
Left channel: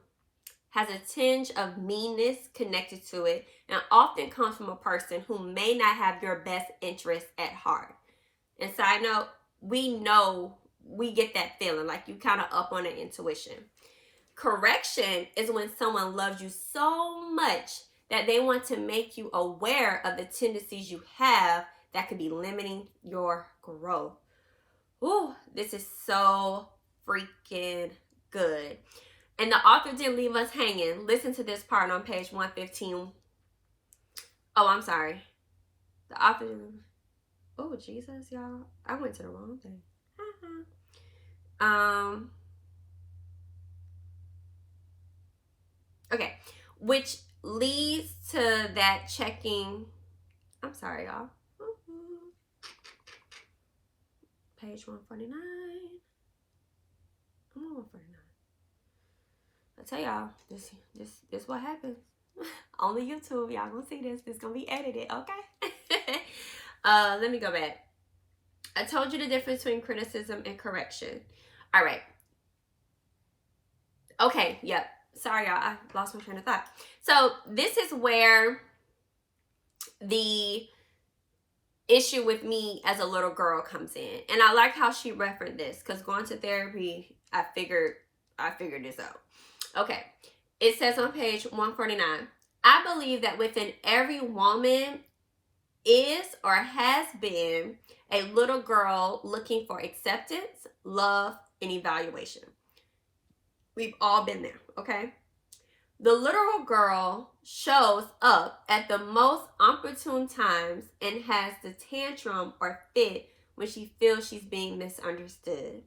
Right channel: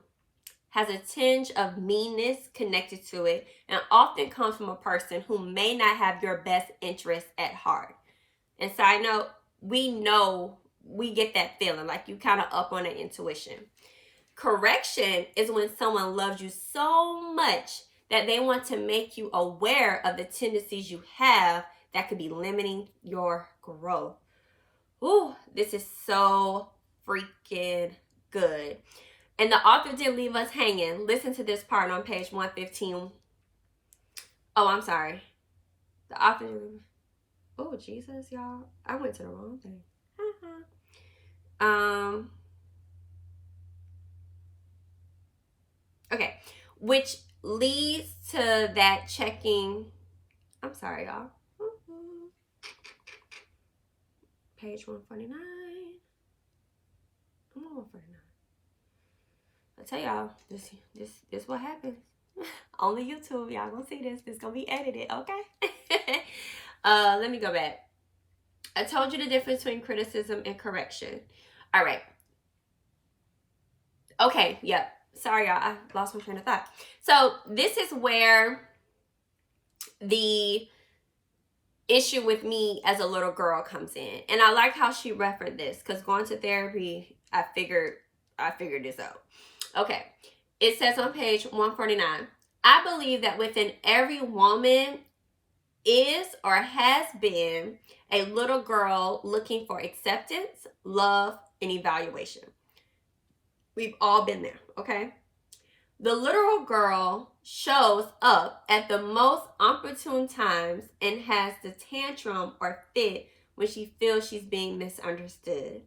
has a tinge of meanness connected to it and often comes from a person who may not have your best interest at heart. And side note, we know, we get that feeling like you kind of up on the intuition. Correction is when someone loves you so much that they want to make you aware of the tendencies you have that could be limiting your growth. Ooh, this is so freaking good. And the author didn't leave us hanging. Listen to this part on page 115. Oh, I'm sorry. The author, oh, Jesus, y'all. I went to the wrong thing. Okay. Which leads to that checking. I'm sorry, y'all. Page 149. I'm on 149. I tell y'all, this what happens. Only YouTube, y'all gonna see this. This gonna be edited, okay? Let me go back. I told you the difference between criticism and correction. All right. Okay, yep. Sorry, y'all. I lost my train of thought. So this is where the issue with me as a little girl comes in. And I like how she referenced this, because going to therapy, I figured this out. Okay. It says on page 149, I believe that within every woman is or has been a little girl looking for acceptance, love, and evaluation. We've all been there, okay? The literal girl shows up at the most opportune times and has the tantrum or fit when she feels she's being misunderstood.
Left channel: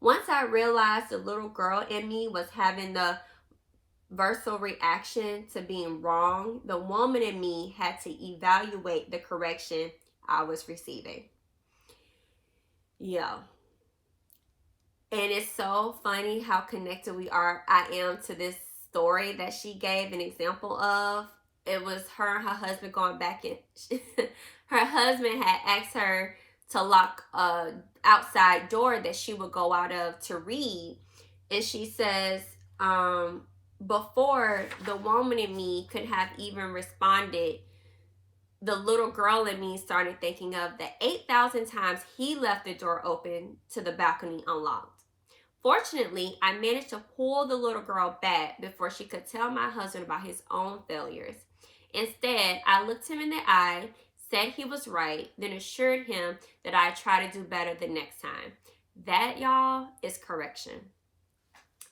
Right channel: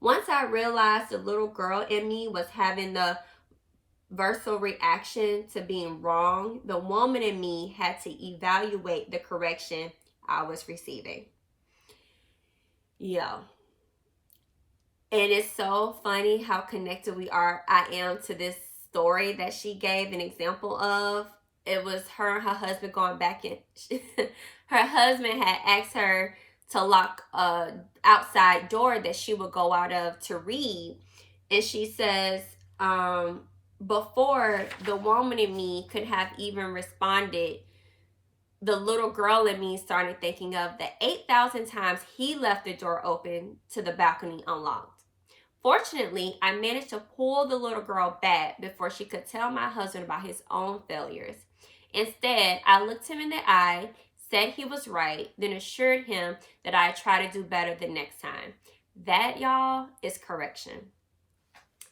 Once I realized the little girl in me was having the visceral reaction to being wrong, the woman in me had to evaluate the correction I was receiving. Yeah. And it's so funny how connected I am to this story that she gave an example of. It was her and her husband going back in. Her husband had asked her to lock an outside door that she would go out of to read. And she says, before the woman in me could have even responded, the little girl in me started thinking of the 8,000 times he left the door open to the balcony unlocked. Fortunately, I managed to pull the little girl back before she could tell my husband about his own failures. Instead, I looked him in the eye, said he was right, then assured him that I'd try to do better the next time. That, y'all, is correction.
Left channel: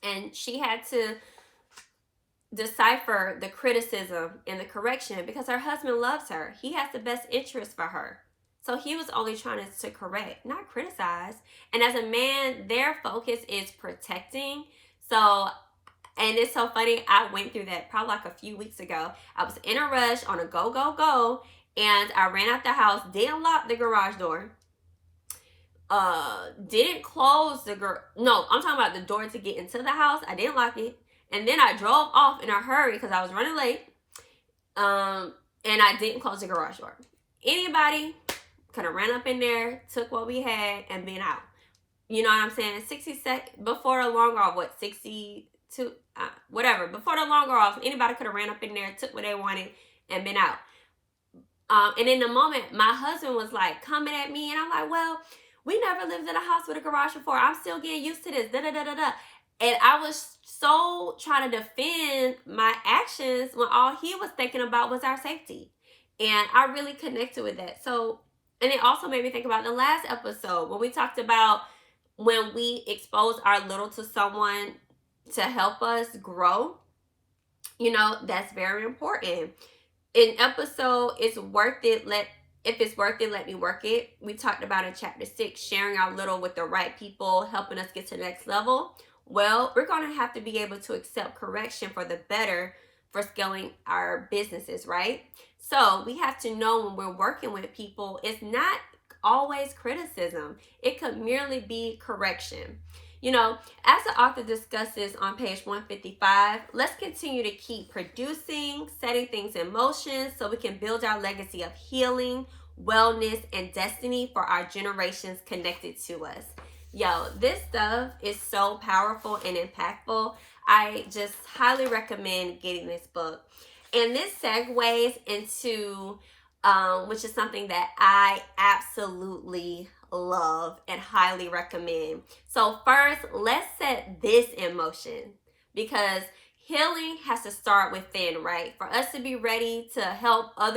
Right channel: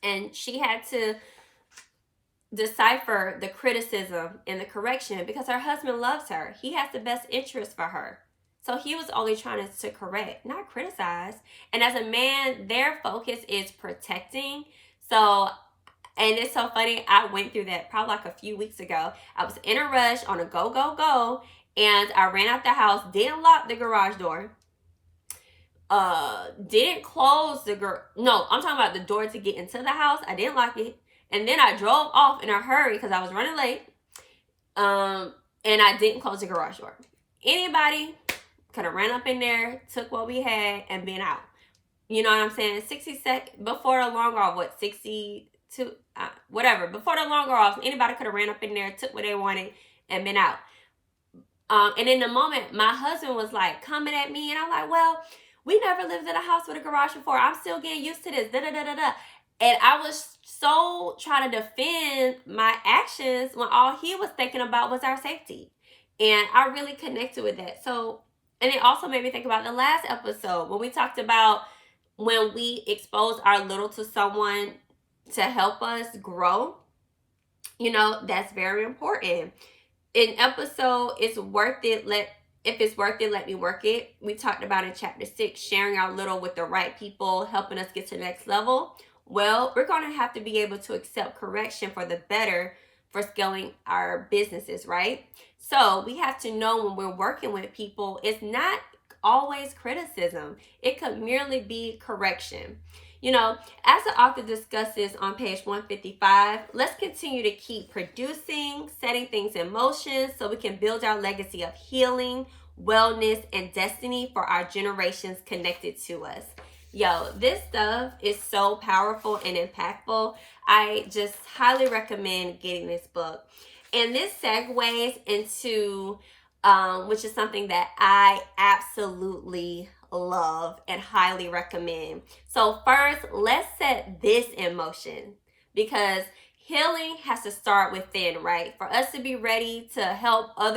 And she had to decipher the criticism and the correction because her husband loves her. He has the best interest for her. So he was only trying to correct, not criticize. And as a man, their focus is protecting. So, and it's so funny, I went through that probably like a few weeks ago. I was in a rush on a go, and I ran out the house, didn't lock the garage door. Didn't close no, I'm talking about the door to get into the house. I didn't lock it. And then I drove off in a hurry because I was running late. And I didn't close the garage door. Anybody could have ran up in there, took what we had, and been out. You know what I'm saying? 60 seconds before the long off, what, 62, whatever. Before the long off, anybody could have ran up in there, took what they wanted, and been out. And in the moment, my husband was like coming at me, and I'm like, well, we never lived in a house with a garage before. I'm still getting used to this, da-da-da-da-da. And I was so trying to defend my actions when all he was thinking about was our safety. And I really connected with that. So, and it also made me think about the last episode when we talked about when we expose our little to someone to help us grow. You know, that's very important. In episode, It's Worth It, if it's worth it, let me work it. We talked about in chapter 6, sharing our little with the right people, helping us get to the next level. Well, we're going to have to be able to accept correction for the better for scaling our businesses, right? So we have to know when we're working with people, it's not always criticism. It could merely be correction. You know, as the author discusses on page 155, let's continue to keep producing, setting things in motion so we can build our legacy of healing, wellness, and destiny for our generations connected to us. Yo, this stuff is so powerful and impactful. I just highly recommend getting this book. And this segues into, which is something that I absolutely love and highly recommend. So first, let's set this in motion, because healing has to start within, right? For us to be ready to help our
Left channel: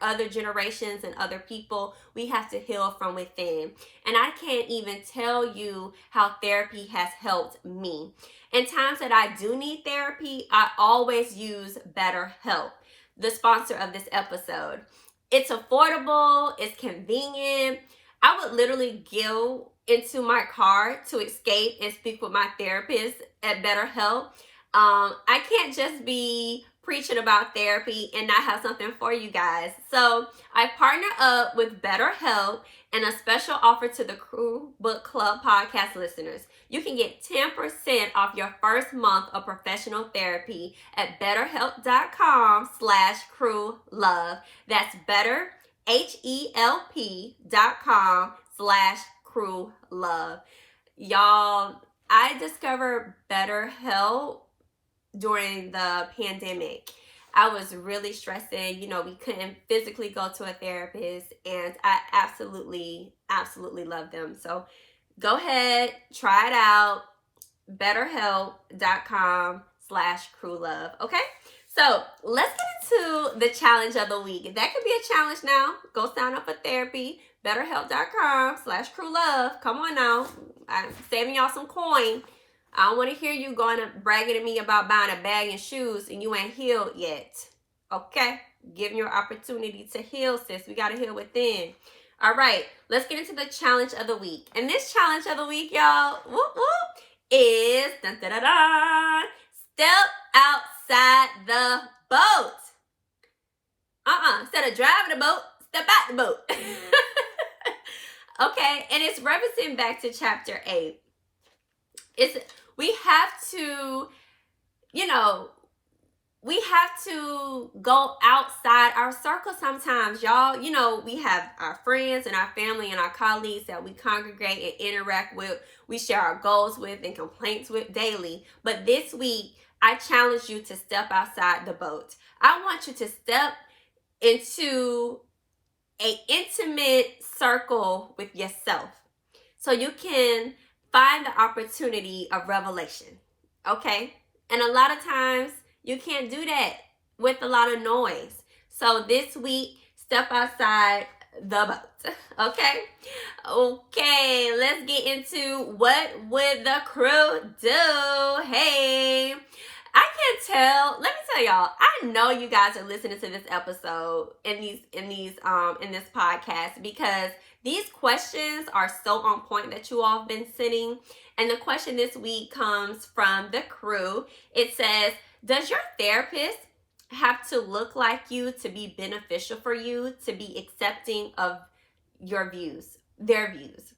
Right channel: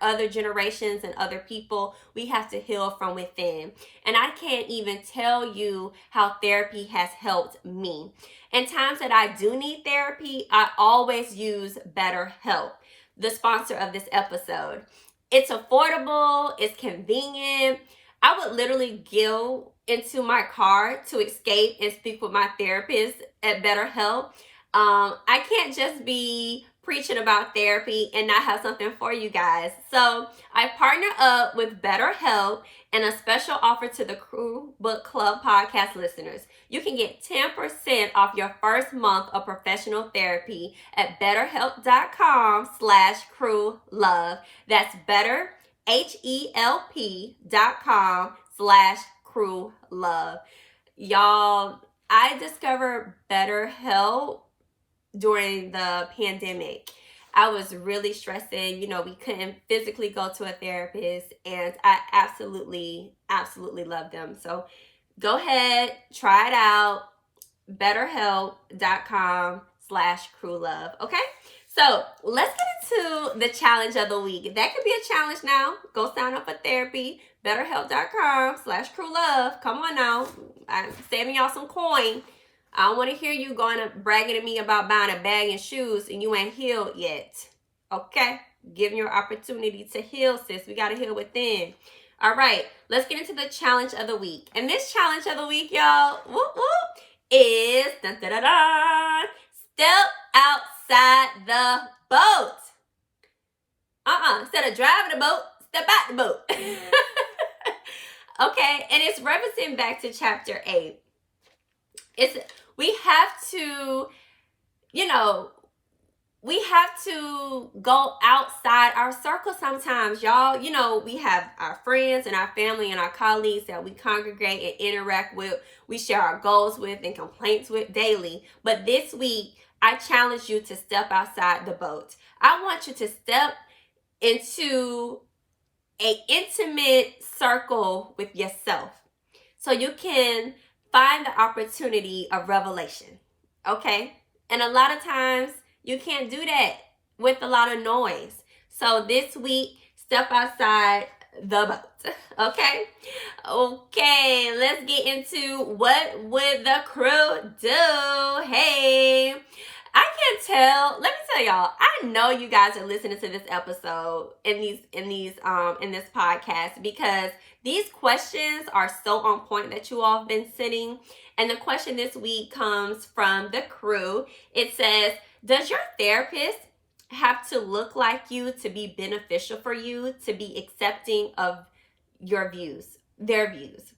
other generations and other people, we have to heal from within. And I can't even tell you how therapy has helped me. In times that I do need therapy, I always use BetterHelp, the sponsor of this episode. It's affordable, it's convenient. I would literally go into my car to escape and speak with my therapist at BetterHelp. I can't just be preaching about therapy and not have something for you guys. So I partner up with BetterHelp and a special offer to the Crew Book Club podcast listeners. You can get 10% off your first month of professional therapy at betterhelp.com/crewlove. That's better, HELP.com/crewlove. Y'all, I discovered BetterHelp during the pandemic. I was really stressing. You know, we couldn't physically go to a therapist, and I absolutely love them. So go ahead, try it out. BetterHelp.com/crewlove. Okay? So let's get into the challenge of the week. That could be a challenge now. Go sign up for therapy. BetterHelp.com/crewlove. Come on now. I'm saving y'all some coin. I don't want to hear you going to bragging to me about buying a bag and shoes and you ain't healed yet. Okay? Giving your opportunity to heal, sis. We got to heal within. All right. Let's get into the challenge of the week. And this challenge of the week, y'all, is step outside the boat. Instead of driving the boat, step out the boat. Okay. And it's referencing back to chapter 8. We have to, we have to go outside our circle sometimes, y'all. You know, we have our friends and our family and our colleagues that we congregate and interact with. We share our goals with and complaints with daily. But this week, I challenge you to step outside the boat. I want you to step into an intimate circle with yourself so you can find the opportunity of revelation, okay? And a lot of times, you can't do that with a lot of noise. So this week, step outside the boat, okay? Okay, let's get into what would the crew do? Hey, I can tell, let me tell y'all, I know you guys are listening to this episode in this podcast, because these questions are so on point that you all have been sitting. And the question this week comes from the crew. It says, does your therapist have to look like you to be beneficial for you, to be accepting of your views, their views?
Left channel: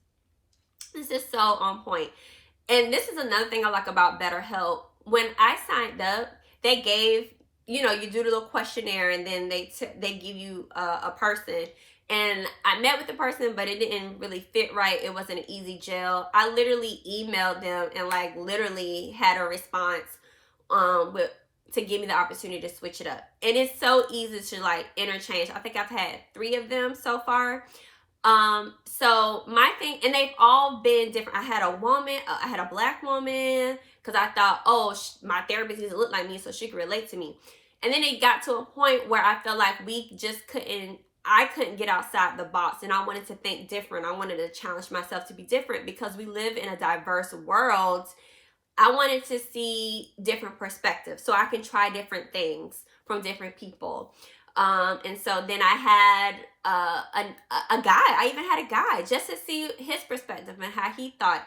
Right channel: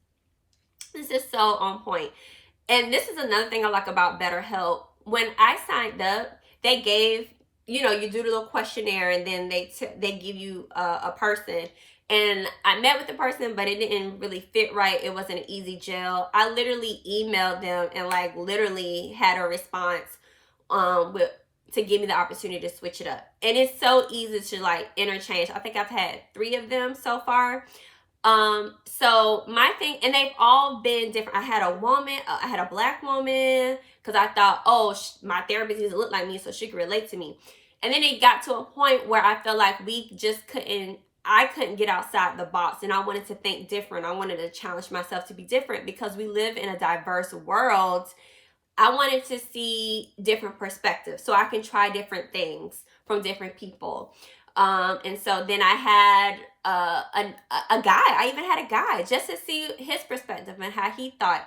This is so on point. And this is another thing I like about BetterHelp. When I signed up, they gave, you do the little questionnaire, and then they give you a person. And I met with the person, but it didn't really fit right. It wasn't an easy gel. I literally emailed them and literally had a response to give me the opportunity to switch it up. And it's so easy to interchange. I think I've had 3 of them so far. So my thing, and they've all been different. I had a black woman, because I thought, my therapist needs to look like me so she could relate to me. And then it got to a point where I felt like I couldn't get outside the box, and I wanted to think different. I wanted to challenge myself to be different, because we live in a diverse world. I wanted to see different perspectives so I can try different things from different people. And so then I had a guy. I even had a guy just to see his perspective and how he thought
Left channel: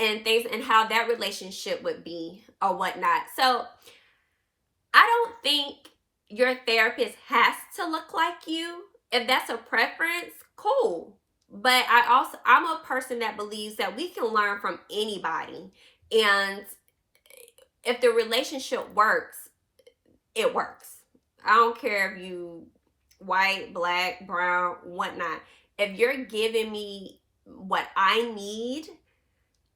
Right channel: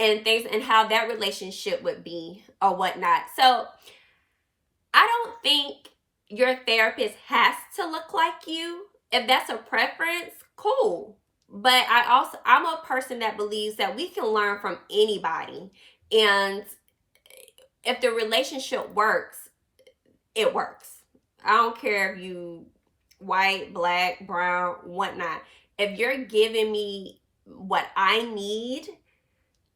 and things, and how that relationship would be or whatnot. So I don't think your therapist has to look like you. If that's a preference, cool. But I'm a person that believes that we can learn from anybody. And if the relationship works, it works. I don't care if you white, black, brown, whatnot. If you're giving me what I need,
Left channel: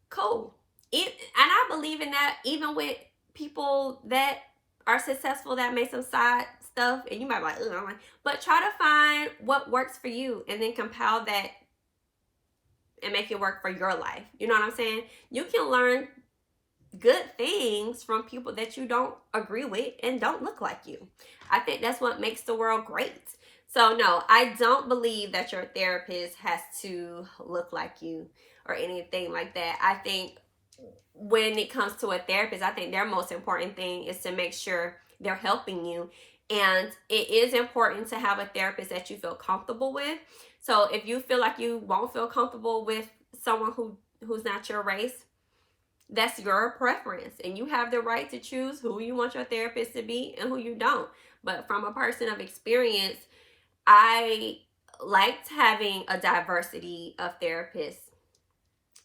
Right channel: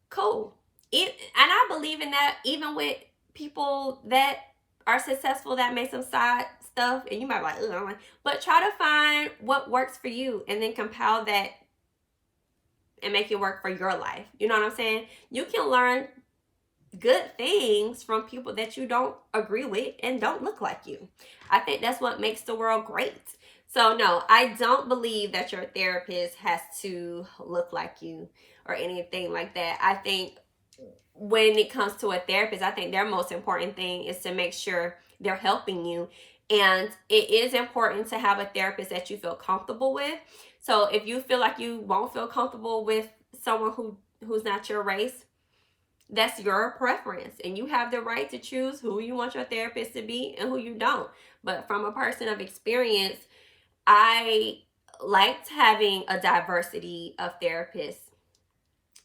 cool. And I believe in that even with people that are successful that make some side stuff, and you might be like, ugh, but try to find what works for you and then compile that and make it work for your life. You know what I'm saying? You can learn good things from people that you don't agree with and don't look like you. I think that's what makes the world great. So no, I don't believe that your therapist has to look like you or anything like that. I think when it comes to a therapist, I think their most important thing is to make sure they're helping you. And it is important to have a therapist that you feel comfortable with. So if you feel like you won't feel comfortable with someone who's not your race, that's your preference. And you have the right to choose who you want your therapist to be and who you don't. But from a person of experience, I liked having a diversity of therapists.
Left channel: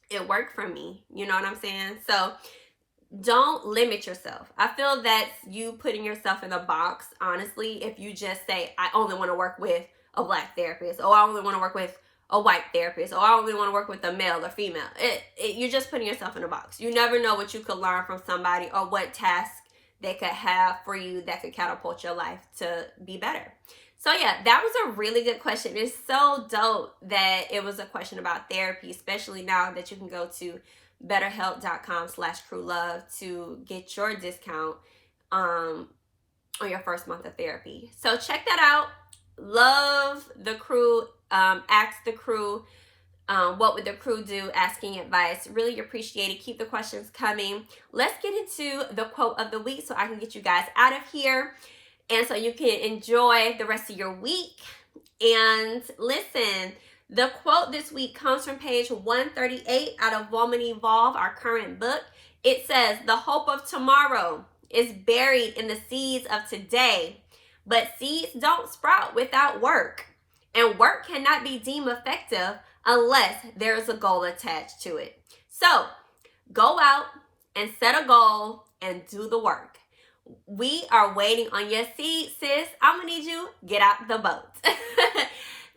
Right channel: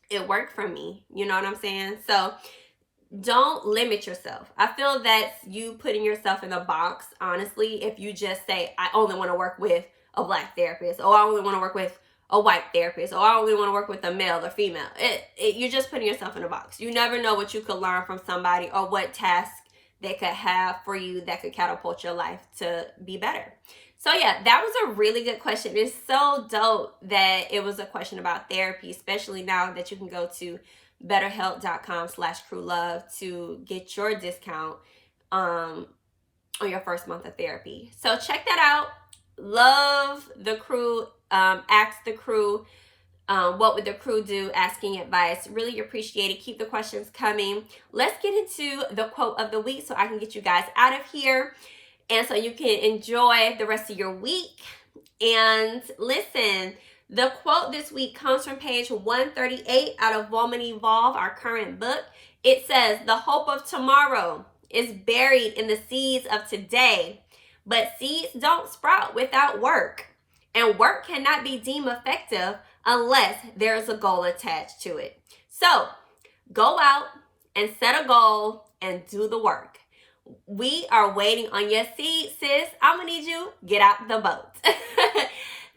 It worked for me. You know what I'm saying? So don't limit yourself. I feel that you putting yourself in a box, honestly, if you just say, I only want to work with a black therapist, or I only want to work with a white therapist, or I only want to work with a male or female. You're just putting yourself in a box. You never know what you could learn from somebody or what task they could have for you that could catapult your life to be better. So yeah, that was a really good question. It's so dope that it was a question about therapy, especially now that you can go to betterhelp.com/crewlove to get your discount on your first month of therapy. So check that out. Love the crew. Ask the crew, what would the crew do? Asking advice. Really appreciate it. Keep the questions coming. Let's get into the quote of the week so I can get you guys out of here and so you can enjoy the rest of your week. And listen, the quote this week comes from page 138 out of Woman Evolve, our current book. It says, "The hope of tomorrow is buried in the seeds of today, but seeds don't sprout without work. And work cannot be deemed effective unless there is a goal attached to it." So go out and set a goal and do the work. We are waiting on your seed, sis. I'm going to need you. Get out the boat.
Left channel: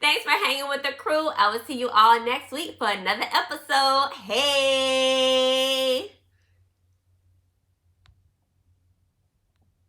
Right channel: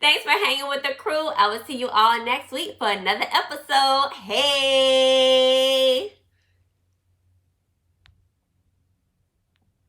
Thanks for hanging with the crew. I will see you all next week for another episode. Hey!